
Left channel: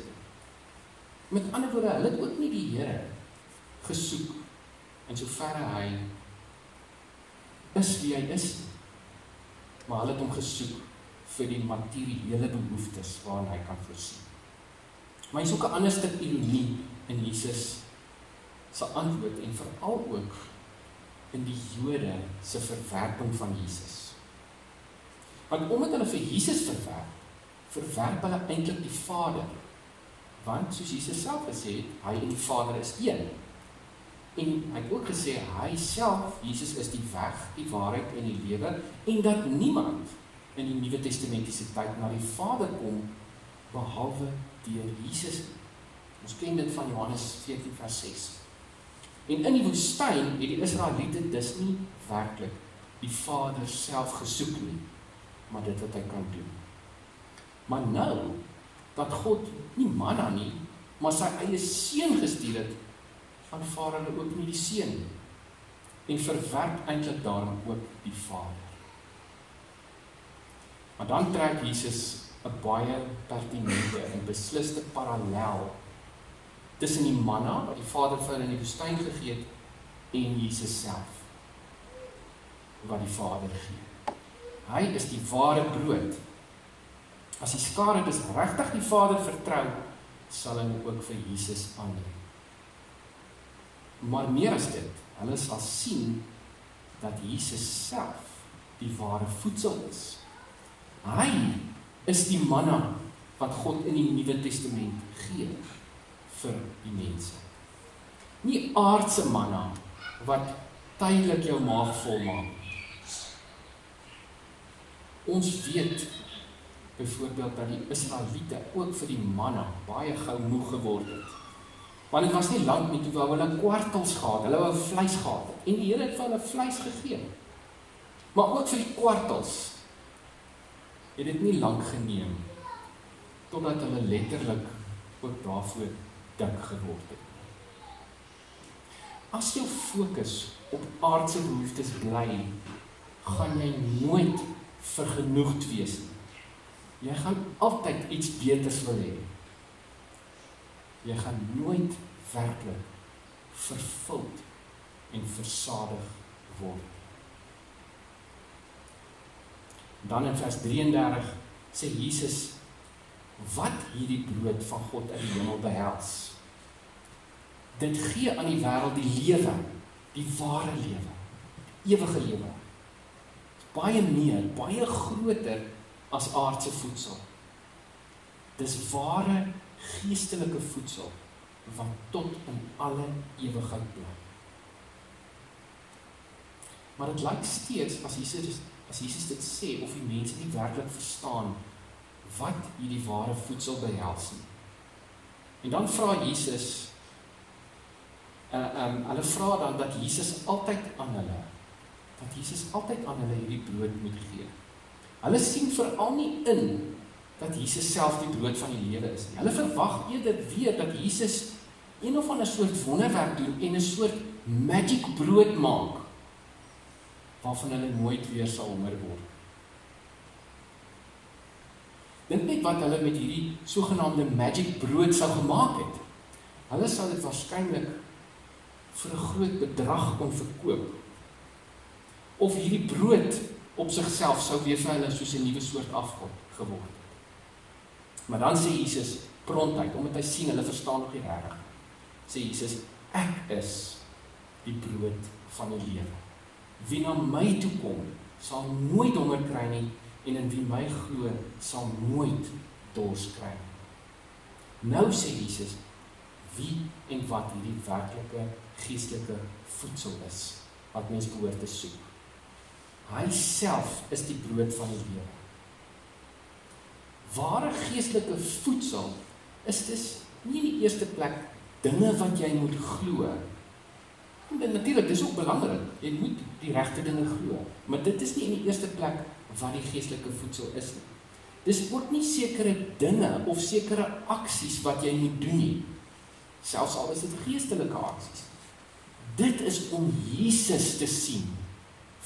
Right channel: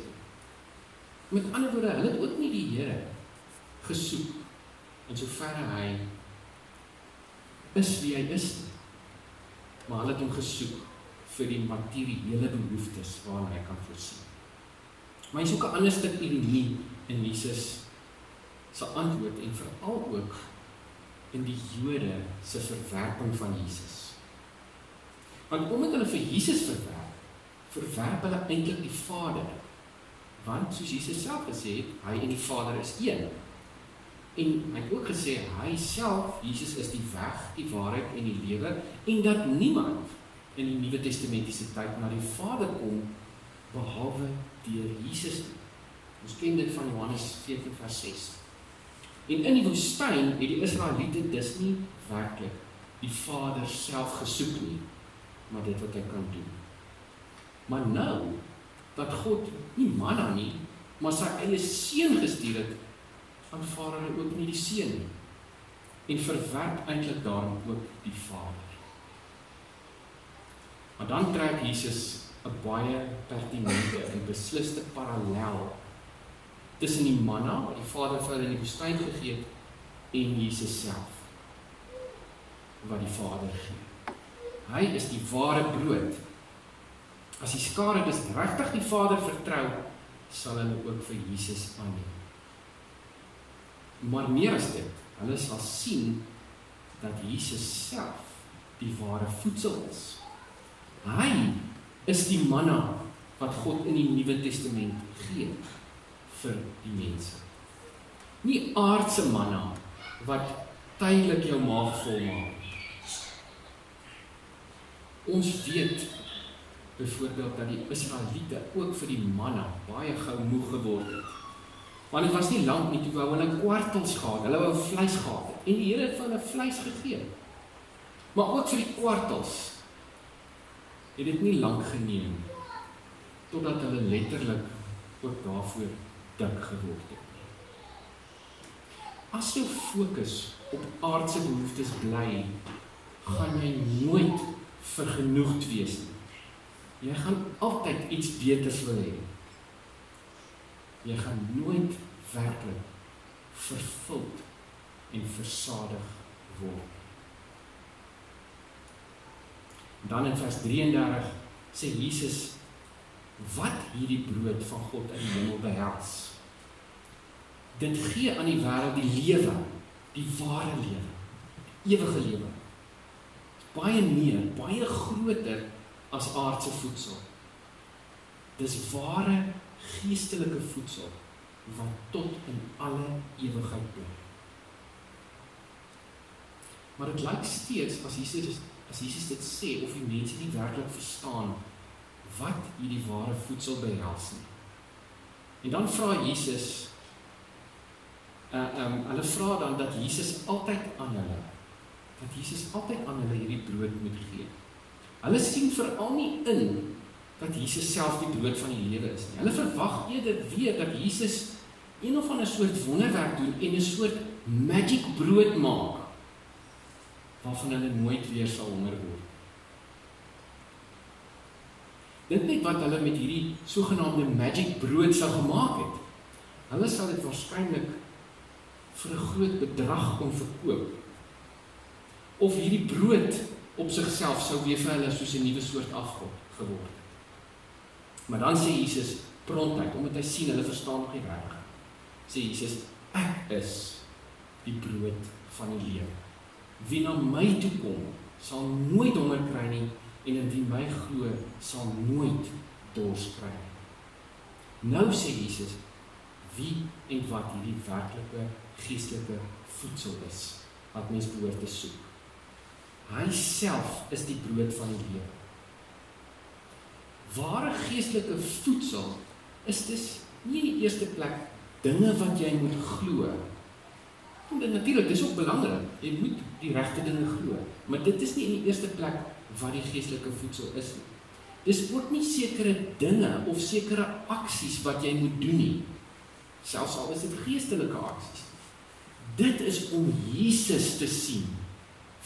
Met ander woorde, hulle het ook nie die Here gesoek in soverre hy is wie hy is, maar hulle het hom gesoek vir die materiële behoeftes waaraan hy kan voorsien. Maar hy is ook 'n ander stuk ironie in Jesus se antwoord, en veral ook in die Jode se verwerping van Jesus. Want omdat hulle vir Jesus verwerp hulle eintlik die Vader. Want soos Jesus self gesê het, hy en die Vader is een. En hy het ook gesê, hy self, Jesus is die weg, die waarheid en die lewe, en dat niemand in die Nuwe Testamentiese tyd na die Vader kom, behalwe deur Jesus. Ons ken dit van Johannes 14 vers 6. En in die woestyn het die Israeliete dus nie werklik die Vader self gesoek nie, maar dit wat hy kan doen. Maar nou, dat God nie manna nie, maar sy eie seun gestuur het, aanvaar hulle ook nie die seun nie, en verwerp eintlik daarom ook die Vader. Maar dan trek Jesus 'n baie pertinente en besliste parallel tussen die manna wat die Vader vir hulle in die woestyn gegee het en Jesus self wat die Vader gee. Hy is die ware brood. As die skare dus regtig die Vader vertrou, sal hulle ook vir Jesus aanneem. Maar meer as dit, hulle sal sien dat Jesus self die ware voedsel is. Hy is die manna wat God in die Nuwe Testament gee vir die mense. Nie aardse manna wat tydelik jou maag vol maak. Ons weet byvoorbeeld dat die Israeliete ook vir die manna baie gou moeg geword het. Want dit was nie lank nie toe wou hulle kwartels gehad, hulle wou vleis gehad en die Here het vir hulle vleis gegee. Maar ook vir die kwartels het dit nie lank geneem totdat hulle letterlik ook daarvoor dik geword het. As jou fokus op aardse behoeftes bly, gaan jy nooit vergenoegd wees nie. Jy gaan altyd iets beters wil hê. Jy gaan nooit werklik vervuld en versadig word. Dan in vers 33 sê Jesus wat hierdie brood van God in die hemel behels. Dit gee aan die wêreld die lewe, die ware lewe, ewige lewe. Baie meer, baie groter as aardse voedsel. Dis ware geestelike voedsel wat tot in alle ewigheid bly. Maar dit lyk steeds as Jesus dit sê of die mense nie werklik verstaan wat hierdie ware voedsel behels nie. En dan vra Jesus hulle vra dan dat Jesus altyd aan hulle hierdie brood moet gee. Hulle sien veral nie in dat Jesus self die brood van die lewe is nie. Hulle verwag eerder weer dat Jesus een of ander soort wonderwerk doen en 'n soort magic brood maak waarvan hulle nooit weer sal honger word. Dink net wat hulle met hierdie sogenaamde magic brood sou gemaak het. Hulle sou dit waarskynlik vir 'n groot bedrag kon verkoop. Of hierdie brood op sigself sou weer vir hulle soos 'n nuwe soort afgod geword het. Maar dan sê Jesus prontuit, omdat hy sien hulle verstaan nog nie regtig. Sê Jesus, ek is die brood van die lewe. Wie na my toe kom, sal nooit honger kry nie, en in wie my glo, sal nooit dors kry nie. Nou sê Jesus, wie en wat hierdie werklike geestelike voedsel is, wat mens behoort te soek. Hy self is die brood van die lewe. Ware geestelike voedsel is dus nie in die eerste plek dinge wat jy moet glo. Natuurlik, dis ook belangrik. Jy moet die regte dinge glo, maar dit is nie in die eerste plek wat die geestelike voedsel is nie. Dis ook nie sekere dinge of sekere aksies wat jy moet doen nie. Selfs al is dit geestelike aksies. Dit is om Jesus te sien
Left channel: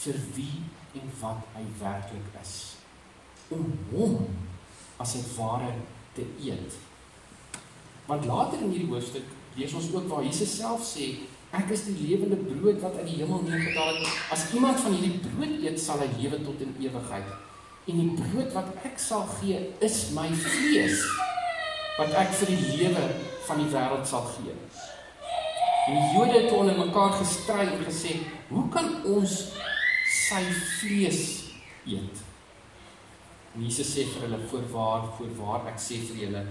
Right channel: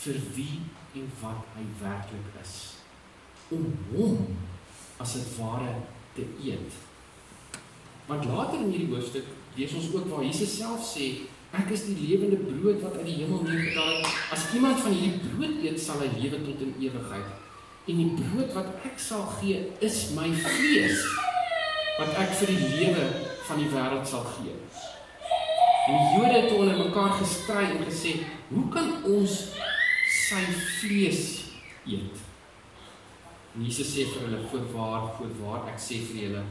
vir wie en wat hy werklik is. Om hom as dit ware te eet. Want later in hierdie hoofstuk lees ons ook waar Jesus self sê, ek is die lewende brood wat uit die hemel neergedaal het. As iemand van hierdie brood eet, sal hy lewe tot in ewigheid. En die brood wat ek sal gee, is my vlees, wat ek vir die lewe van die wêreld sal gee. En die Jode het onder mekaar gestry en gesê, hoe kan ons sy vlees eet? En Jesus sê vir hulle, voorwaar, ek sê vir julle,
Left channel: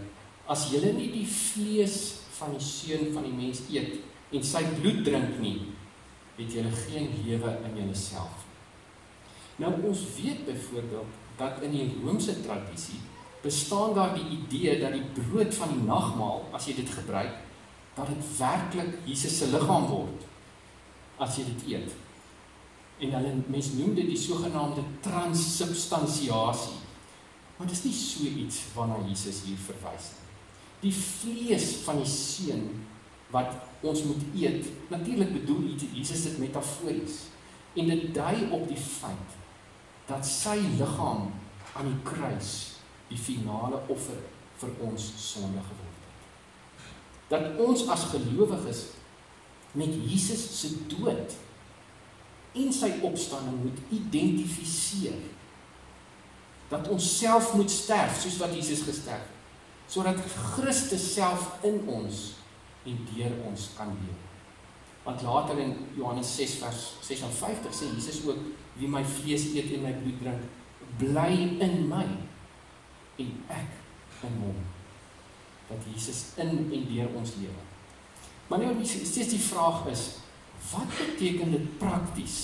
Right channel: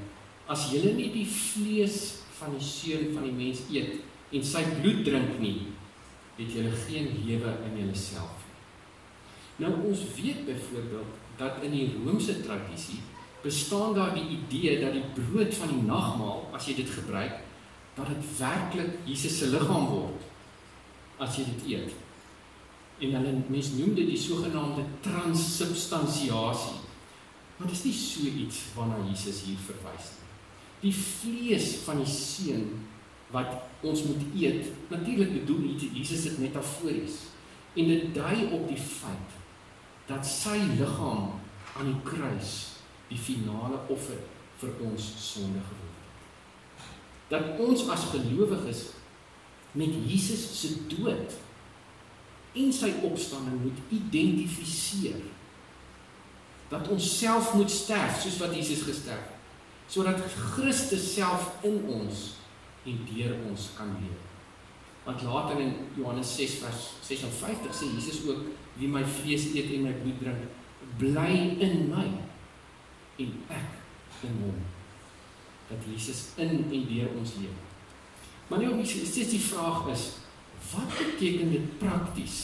as julle nie die vlees van die seun van die mens eet, en sy bloed drink nie, het julle geen lewe in julleself. Nou, ons weet byvoorbeeld, dat in die Romeinse tradisie, bestaan daar die idee, dat die brood van die nagmaal, as jy dit gebruik, dat het werklik Jesus se liggaam word, as jy dit eet. En mens noem dit die sogenaamde transsubstansiasie. Maar dit is nie so iets waarna Jesus hier verwys nie. Die vlees van die seun wat ons moet eet, natuurlik bedoel Jesus dit metafories. En dit dui op die feit dat sy liggaam aan die kruis die finale offer vir ons sonde geword het. Dat ons as gelowiges met Jesus se dood en sy opstanding moet identifiseer. Dat ons self moet sterf, soos wat Jesus gesterf het, sodat Christus self in ons en deur ons kan leef. Want later in Johannes 6 vers 56 sê Jesus ook, wie my vlees eet en my bloed drink, bly in my en ek in hom. Dat Jesus in en deur ons lewe. Maar nou steeds die vraag is, wat beteken dit prakties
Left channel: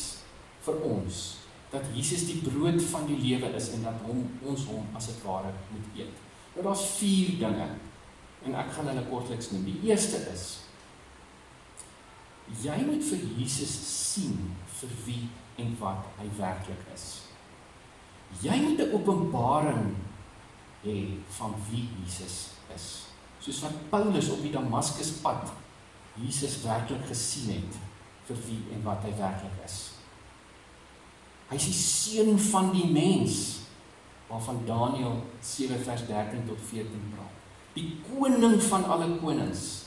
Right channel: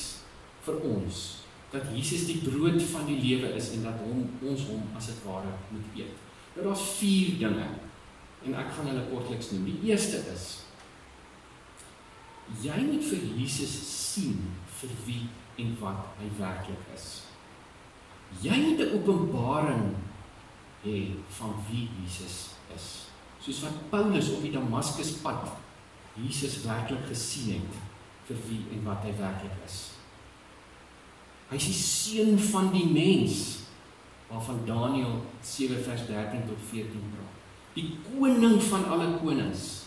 vir ons, dat Jesus die brood van die lewe is en dat ons hom as het ware moet eet? Nou daar is 4 dinge, en ek gaan hulle kortliks noem. Die eerste is, jy moet vir Jesus sien vir wie en wat hy werklik is. Jy moet 'n openbaring hê van wie Jesus is. Soos wat Paulus op die Damaskuspad Jesus werklik gesien het vir wie en wat hy werklik is. Hy is die seun van die mens, waarvan Daniël 7 vers 13 tot 14 praat. Die koning van alle konings.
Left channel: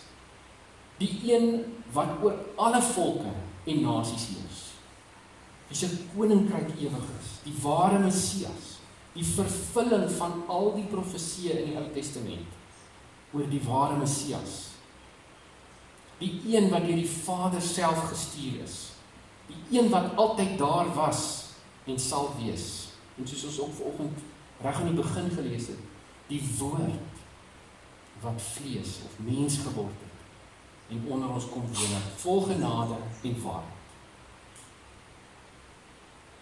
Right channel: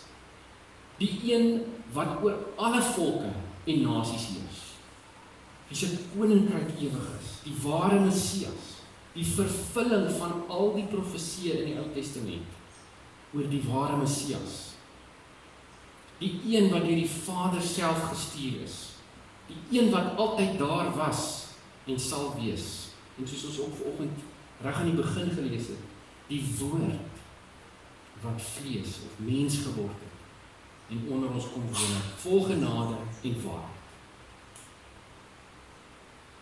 Die een wat oor alle volke en nasies heers. Wie se koninkryk ewig is, die ware Messias, die vervulling van al die profesieë in die Ou Testament oor die ware Messias. Die een wat deur die Vader self gestuur is. Die een wat altyd daar was en sal wees. En soos ons ook vanoggend reg aan die begin gelees het, die woord wat vlees of mens geword het en onder ons kom woon, vol genade en waarheid.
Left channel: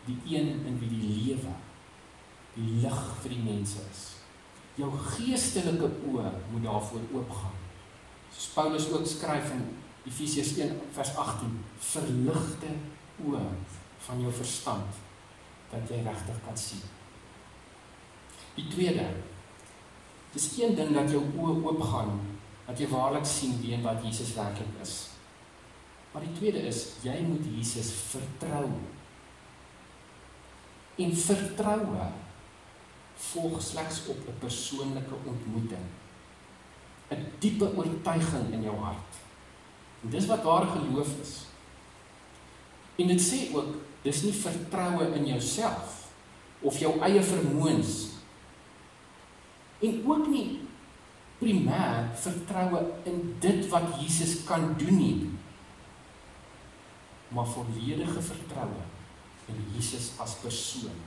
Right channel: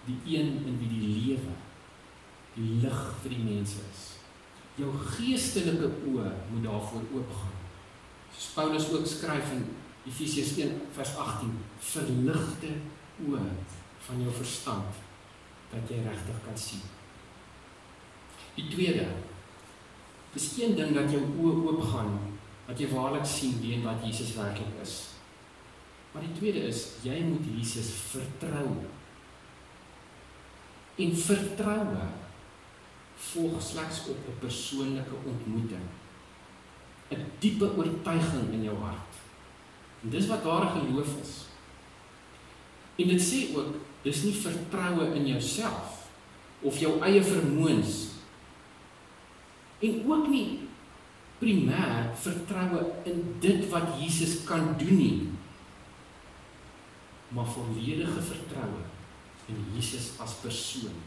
Die een in wie die lewe, die lig vir die mense is. Jou geestelike oë moet daarvoor oopgaan. Soos Paulus ook skryf in Efesiërs 1 vers 18, verligte oë van jou verstand, dat jy regtig kan sien. Die tweede, dis geen ding dat jou oë oopgaan, dat jy waarlik sien wie en wat Jesus werklik is. Maar die tweede is, jy moet Jesus vertrou. En vertroue volg slegs op 'n persoonlike ontmoeting. 'n Diepe oortuiging in jou hart. En dis wat ware geloof is. En dit sê ook, dis nie vertroue in jouself of jou eie vermoëns. En ook nie primêr vertroue in dit wat Jesus kan doen nie, maar volledige vertroue in Jesus as persoon.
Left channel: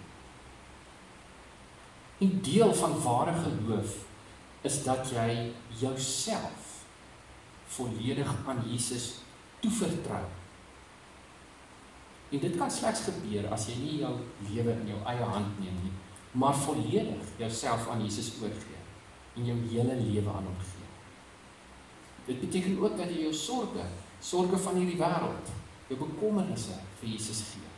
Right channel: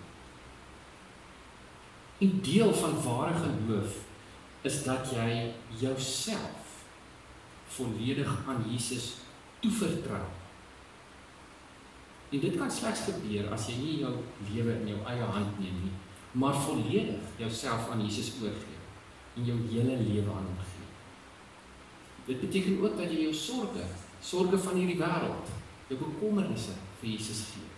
En deel van ware geloof is dat jy jouself volledig aan Jesus toevertrou. En dit kan slegs gebeur as jy nie jou lewe in jou eie hand neem nie, maar volledig jouself aan Jesus oorgee en jou hele lewe aan hom gee. Dit beteken ook dat jy jou sorge van hierdie wêreld, jou bekommernisse vir Jesus gee.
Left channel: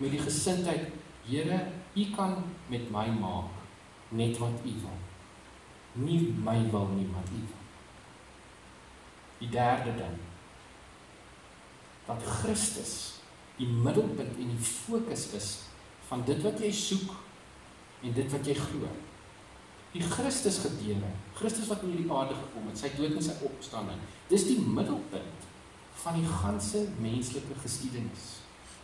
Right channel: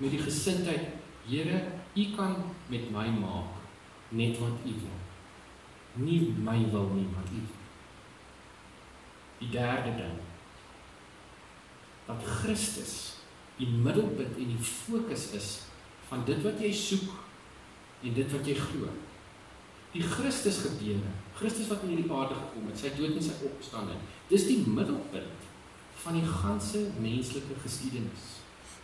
Met die gesindheid, Here, U kan met my maak net wat U wil. Nie my wil nie, maar U wil. Die derde ding, dat Christus die middelpunt en die fokus is van dit wat jy soek en dit wat jy glo. Die Christus gebeure, Christus wat in hierdie aarde gekom het, sy dood en sy opstanding, dis die middelpunt van die ganse menslike geskiedenis.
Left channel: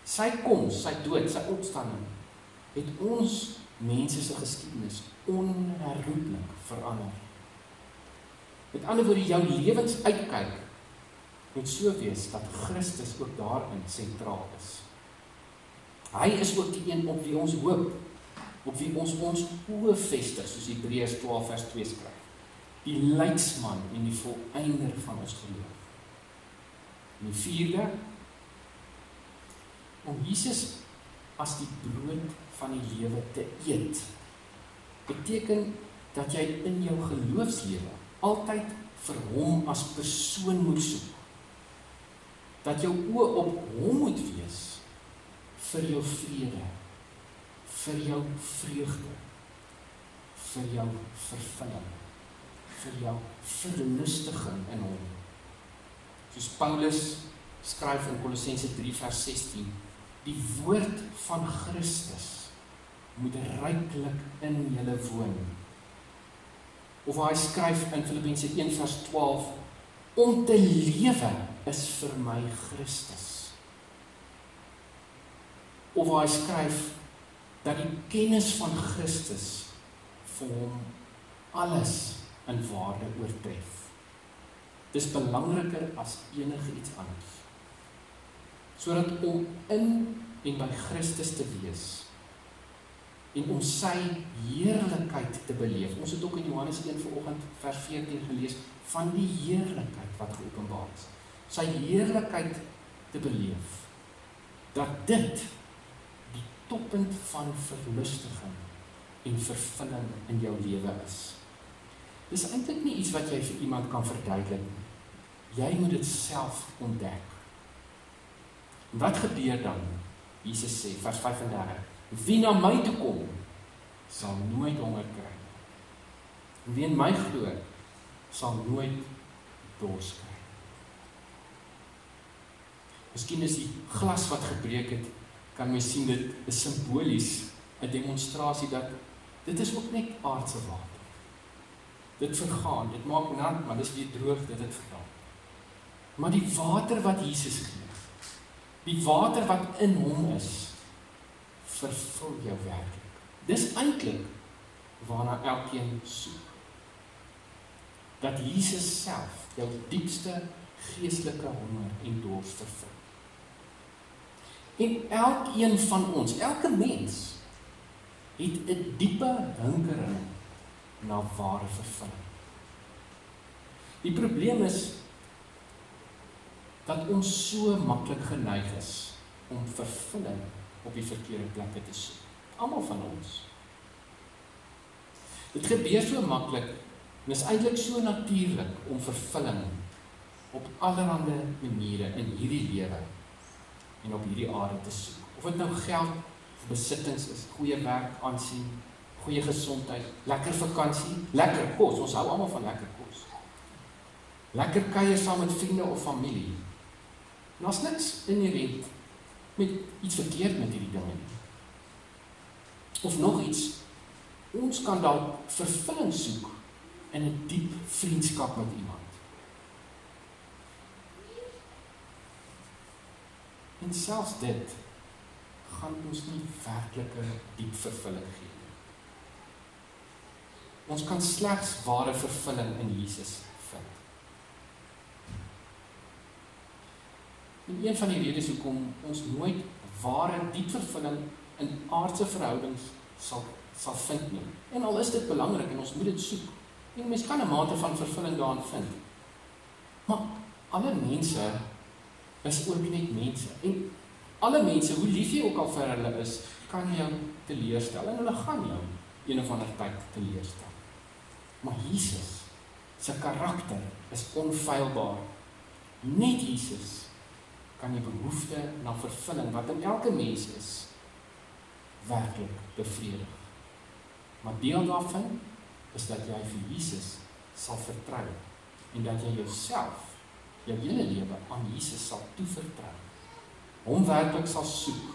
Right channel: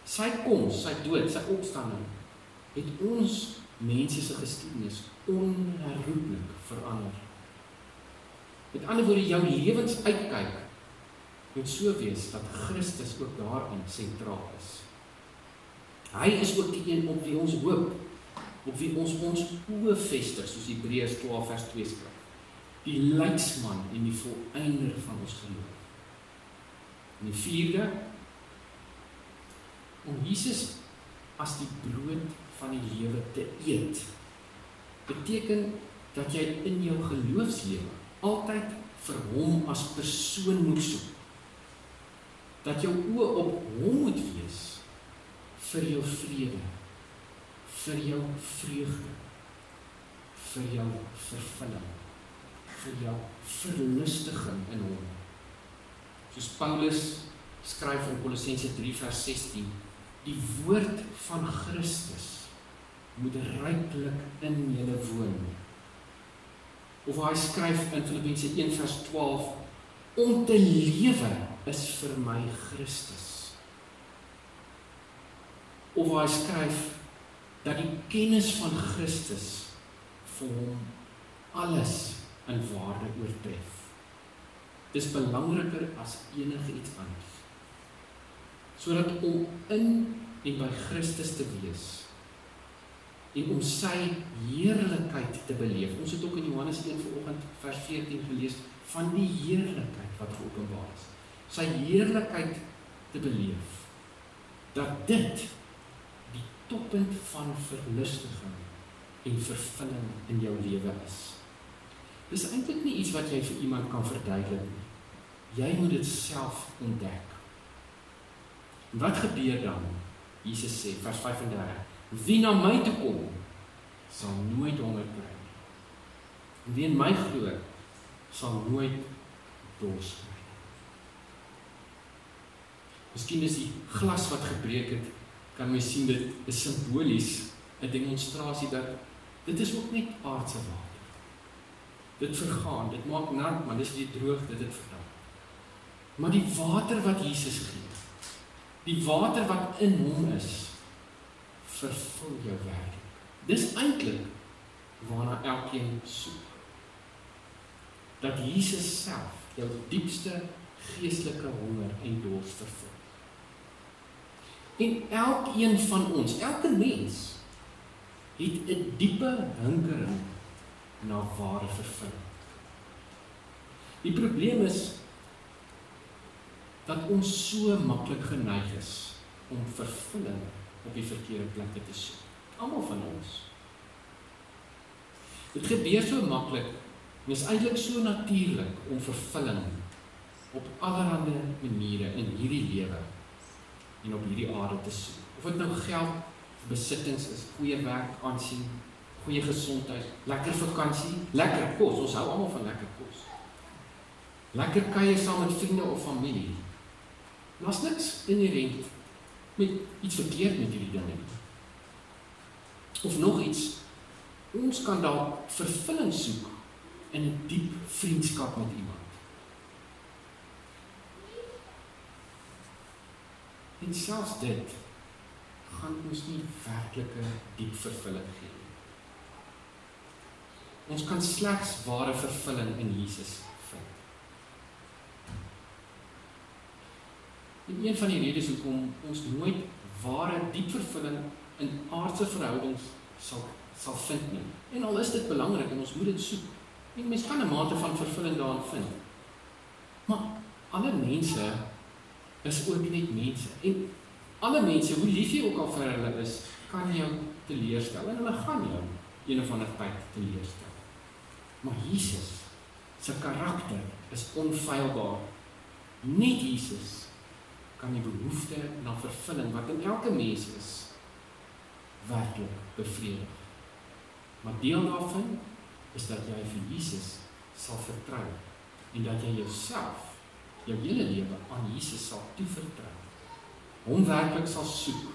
Sy koms, sy dood, sy opstanding, het ons mense se geskiedenis onherroepelik verander. Met ander woorde, jou lewensuitkyk moet so wees dat Christus ook daarin sentraal is. Hy is ook die een op wie ons hoop, op wie ons oë vestig, soos Hebreërs 12 vers 2 skryf. Die leidsman en die volëinder van ons geloof. En die vierde, om Jesus as die brood van die lewe te eet, beteken dat jy in jou geloofslewe altyd vir hom as persoon moet soek. Dat jou oë op hom moet wees, vir jou vrede, vir jou vreugde, vir jou vervulling, vir jou verlustiging in hom. Soos Paulus skryf in Kolossense 3 vers 16, die woord van Christus moet ryklik in julle woon. Of hy skryf in Filippense 1 vers 12, om te lewe is vir my Christus. Of hy skryf dat die kennis van Christus vir hom alles in waarde oortref. Dis belangriker as enige iets anders. Sodat om in en by Christus te wees en om sy heerlikheid te beleef. Ons het ook in Johannes 1 vanoggend vers 14 gelees van die heerlikheid wat geopenbaar is. Sy heerlikheid te beleef. Dat dit die toppunt van verlustiging en vervulling in jou lewe is. Dis eintlik nie iets wat jy vir iemand kan verduidelik. Jy moet dit self ontdek. Wat gebeur dan? Jesus sê, vers 35, wie na my toe kom, sal nooit honger kry nie. En wie in my glo, sal nooit dors kry nie. Miskien is die glas wat gebreek het, kan mens sien dit is simbolies, 'n demonstrasie dat dit is ook net aardse water. Dit vergaan, dit maak nat, maar dis weer droog, dit het verdamp. Maar die water wat Jesus gee, die water wat in hom is, vervul jou werklik. Dis eintlik waarna elkeen soek. Dat Jesus self jou diepste geestelike honger en dors vervul. En elkeen van ons, elke mens, het 'n diepe hinkering na ware vervulling. Die probleem is dat ons so maklik geneig is om vervulling op die verkeerde plekke te soek. Almal van ons. Dit gebeur so maklik en is eintlik so natuurlik om vervulling op allerlei maniere in hierdie lewe en op hierdie aarde te soek. Of dit nou geld, besittings is, goeie werk, aansien, goeie gesondheid, lekker vakansie, lekker kos, ons hou almal van lekker kos. Lekker kuier saam met vriende of familie. En daar's niks inherent met iets verkeerd met hierdie dinge nie. Of nog iets, ons kan dalk vervulling soek in 'n diep vriendskap met iemand. En selfs dit gaan ons nie werklike diep vervulling gee nie. Ons kan slegs ware vervulling in Jesus vind. En een van die redes hoekom ons nooit ware diep vervulling in aardse verhoudings sal vind nie. En al is dit belangrik en ons moet dit soek. En mens kan 'n mate van vervulling daarin vind. Maar alle mense is ook net mense. En alle mense, hoe lief jy ook al vir hulle is, kan jou teleurstel. En hulle gaan jou een of ander tyd teleurstel. Maar Jesus, sy karakter is onfeilbaar. Net Jesus kan die behoefte na vervulling wat in elke mens is, werklik bevredig. Maar deel daarvan is dat jy vir Jesus sal vertrou en dat jy jouself, jou hele lewe aan Jesus sal toevertrou. Hom werklik sal soek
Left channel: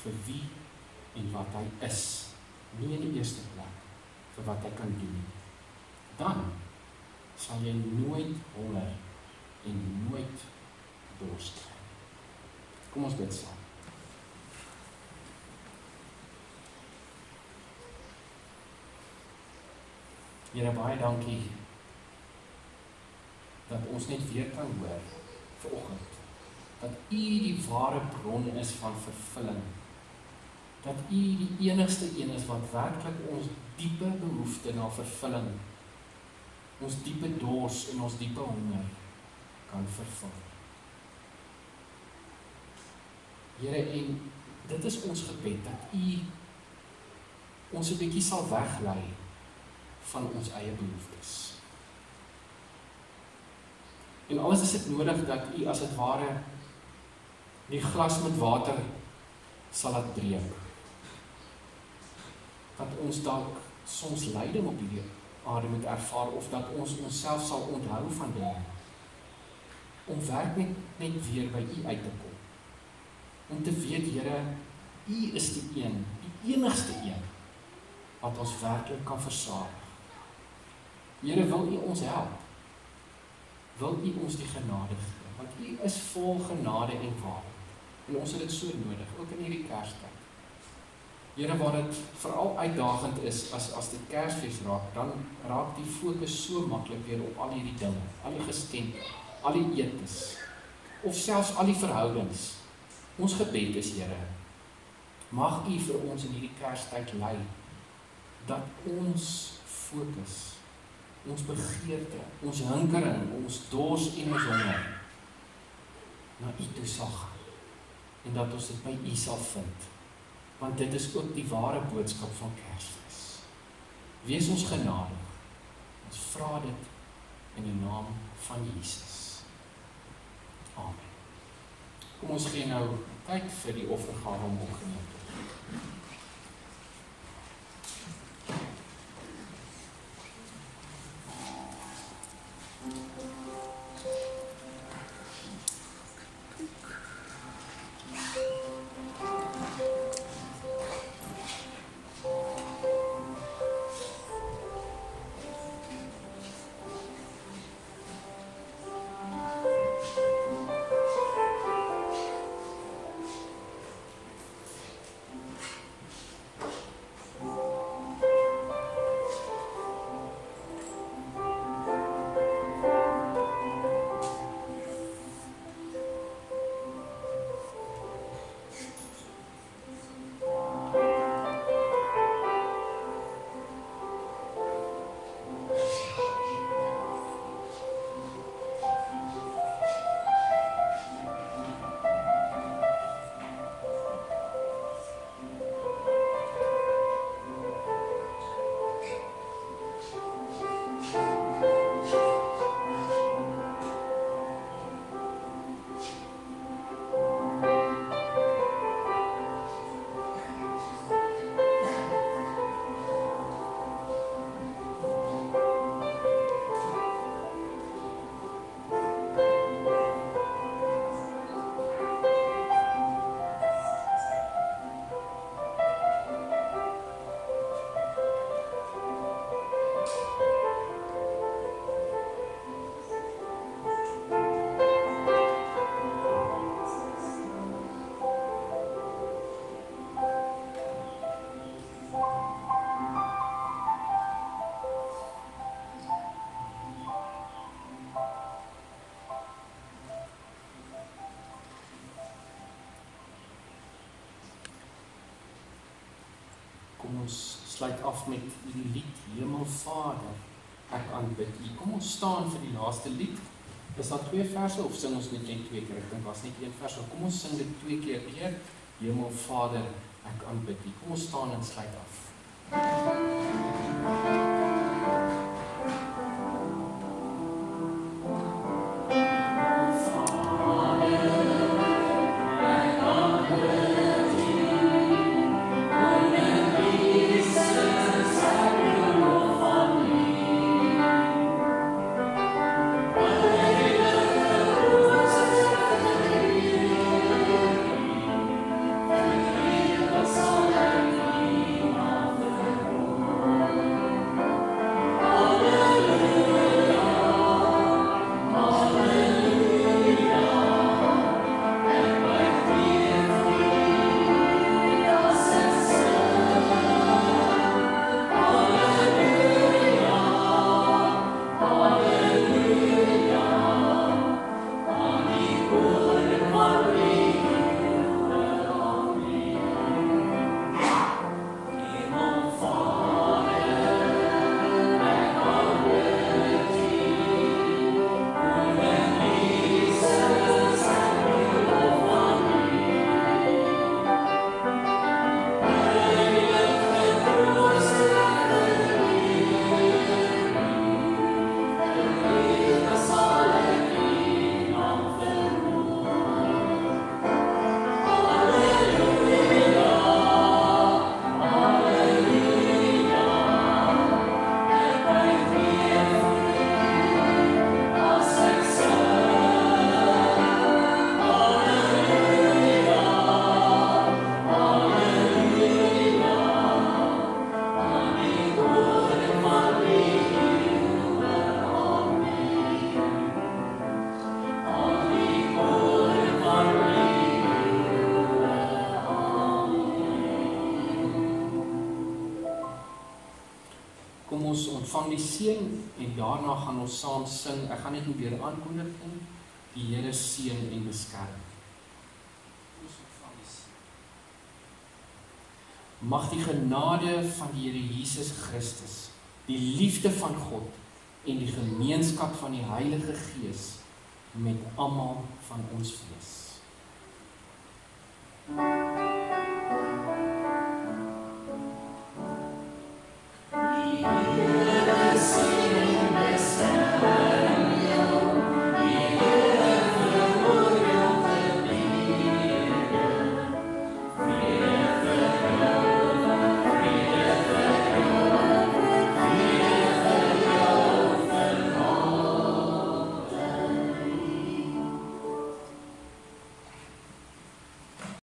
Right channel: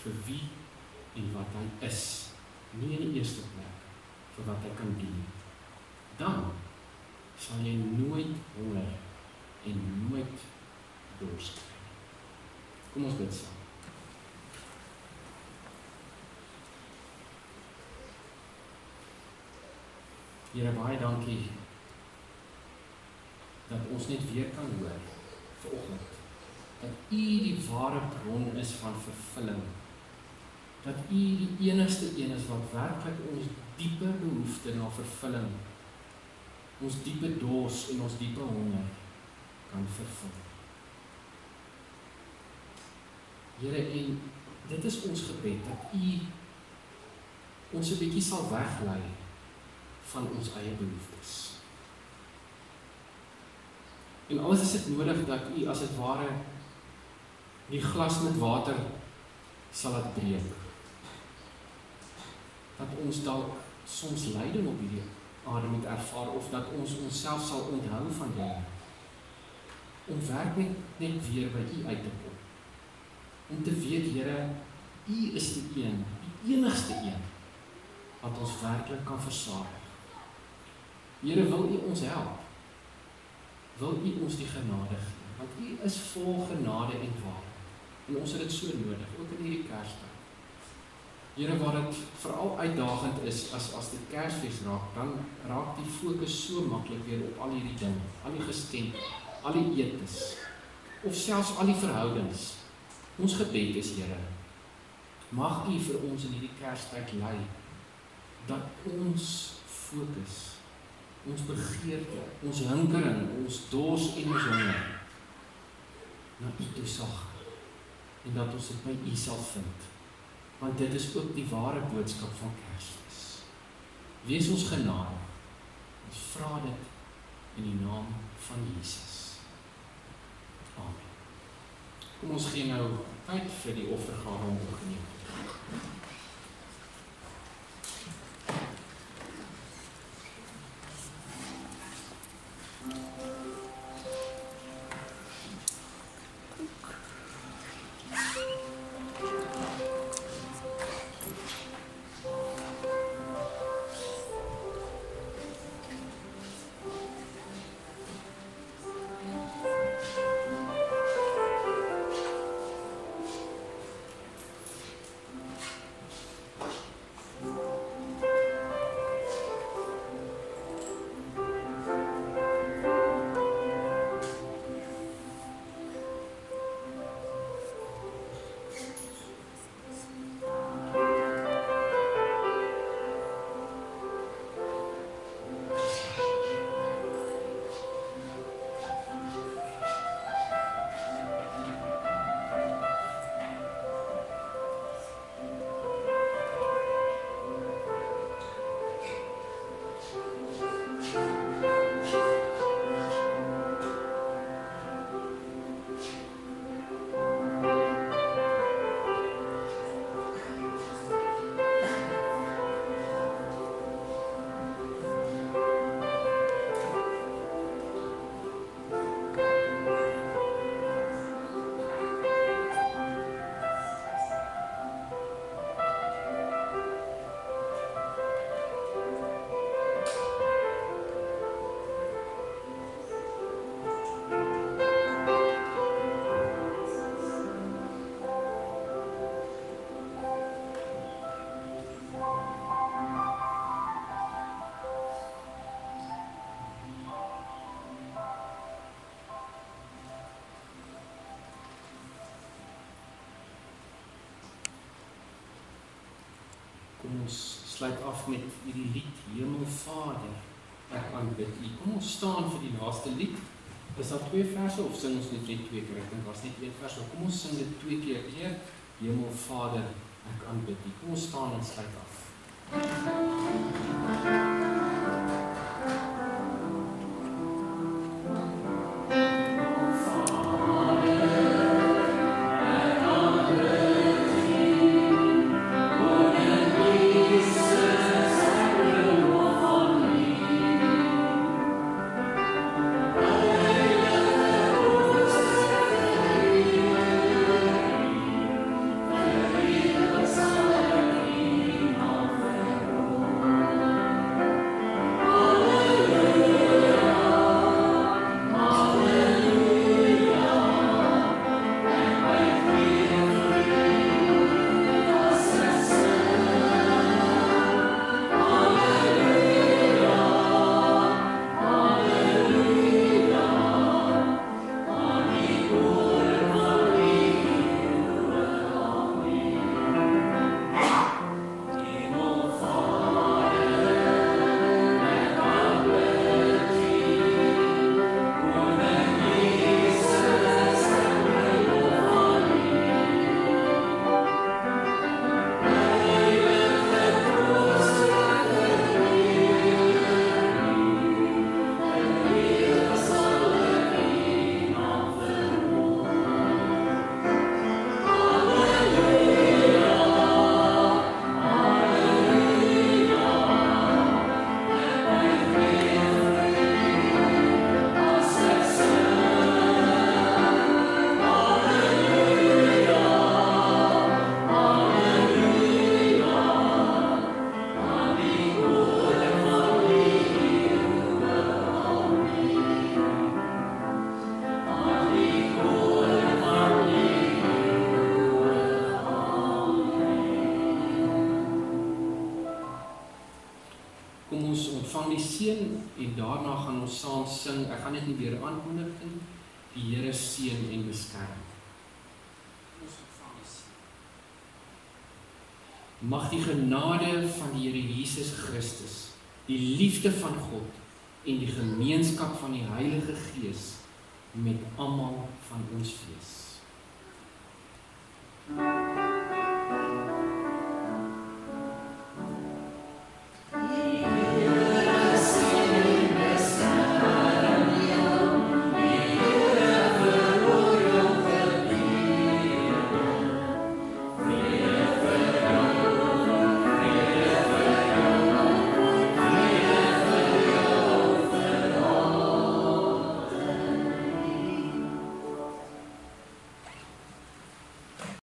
vir wie en wat hy is, nie in die eerste plek vir wat hy kan doen. Dan sal jy nooit honger en nooit dors kry. Kom ons bid saam. Here, baie dankie dat ons net weer kan hoor vanoggend dat U die ware bron is van vervulling. Dat U die enigste een is wat werklik ons diepe behoefte na vervulling, ons diepe dors en ons diepe honger kan vervul. Here, en dit is ons gebed dat U ons 'n bietjie sal weglei van ons eie behoeftes. En alles is dit nodig dat U as het ware die glas met water sal dit breek. Dat ons dalk soms lyding op hierdie aarde moet ervaar, of dat ons onsself sal onthou van dit. Om werk net weer by U uit te kom. Om te weet, Here, U is die enigste een, wat ons werklik kan versadig. Here, wil U ons help? Wil U ons die genade gee? Want U is vol genade en waarheid. En ons het dit so nodig, ook in hierdie Kerstyd. Here, waar dit veral uitdagend is, as dit Kersfees raak, dan raak die fokus so maklik weer op al hierdie dinge, al die geskenke, al die etes, of selfs al die verhoudings. Ons gebed is, Here, mag U vir ons in hierdie Kerstyd lei, dat ons fokus, ons begeerte, ons hinkering, ons dors en ons honger na U toe sal gaan, en dat ons dit by U sal vind, want dit is ook die ware boodskap van Kersfees. Wees ons genadig, ons vra dit in die naam van Jesus. Amen. Kom ons gee nou tyd vir die offergawe om opgeneem te word. Kom ons sluit af met die lied Hemelvader, ek aanbid U. Kom ons staan vir die laaste lied. Is daar 2 verse of sing ons net 2 keer? Ek dink was net 1 vers, maar kom ons sing dit 2 keer weer. Hemelvader, ek aanbid U. Kom ons staan en sluit af. die seën en daarna gaan ons saam sing. Ek gaan dit nie weer aanmoedig nie. Die Here seën en beskerm. Ons ontvang die seën. Mag die genade van die Here Jesus Christus, die liefde van God en die gemeenskap van die Heilige Gees met almal van ons wees.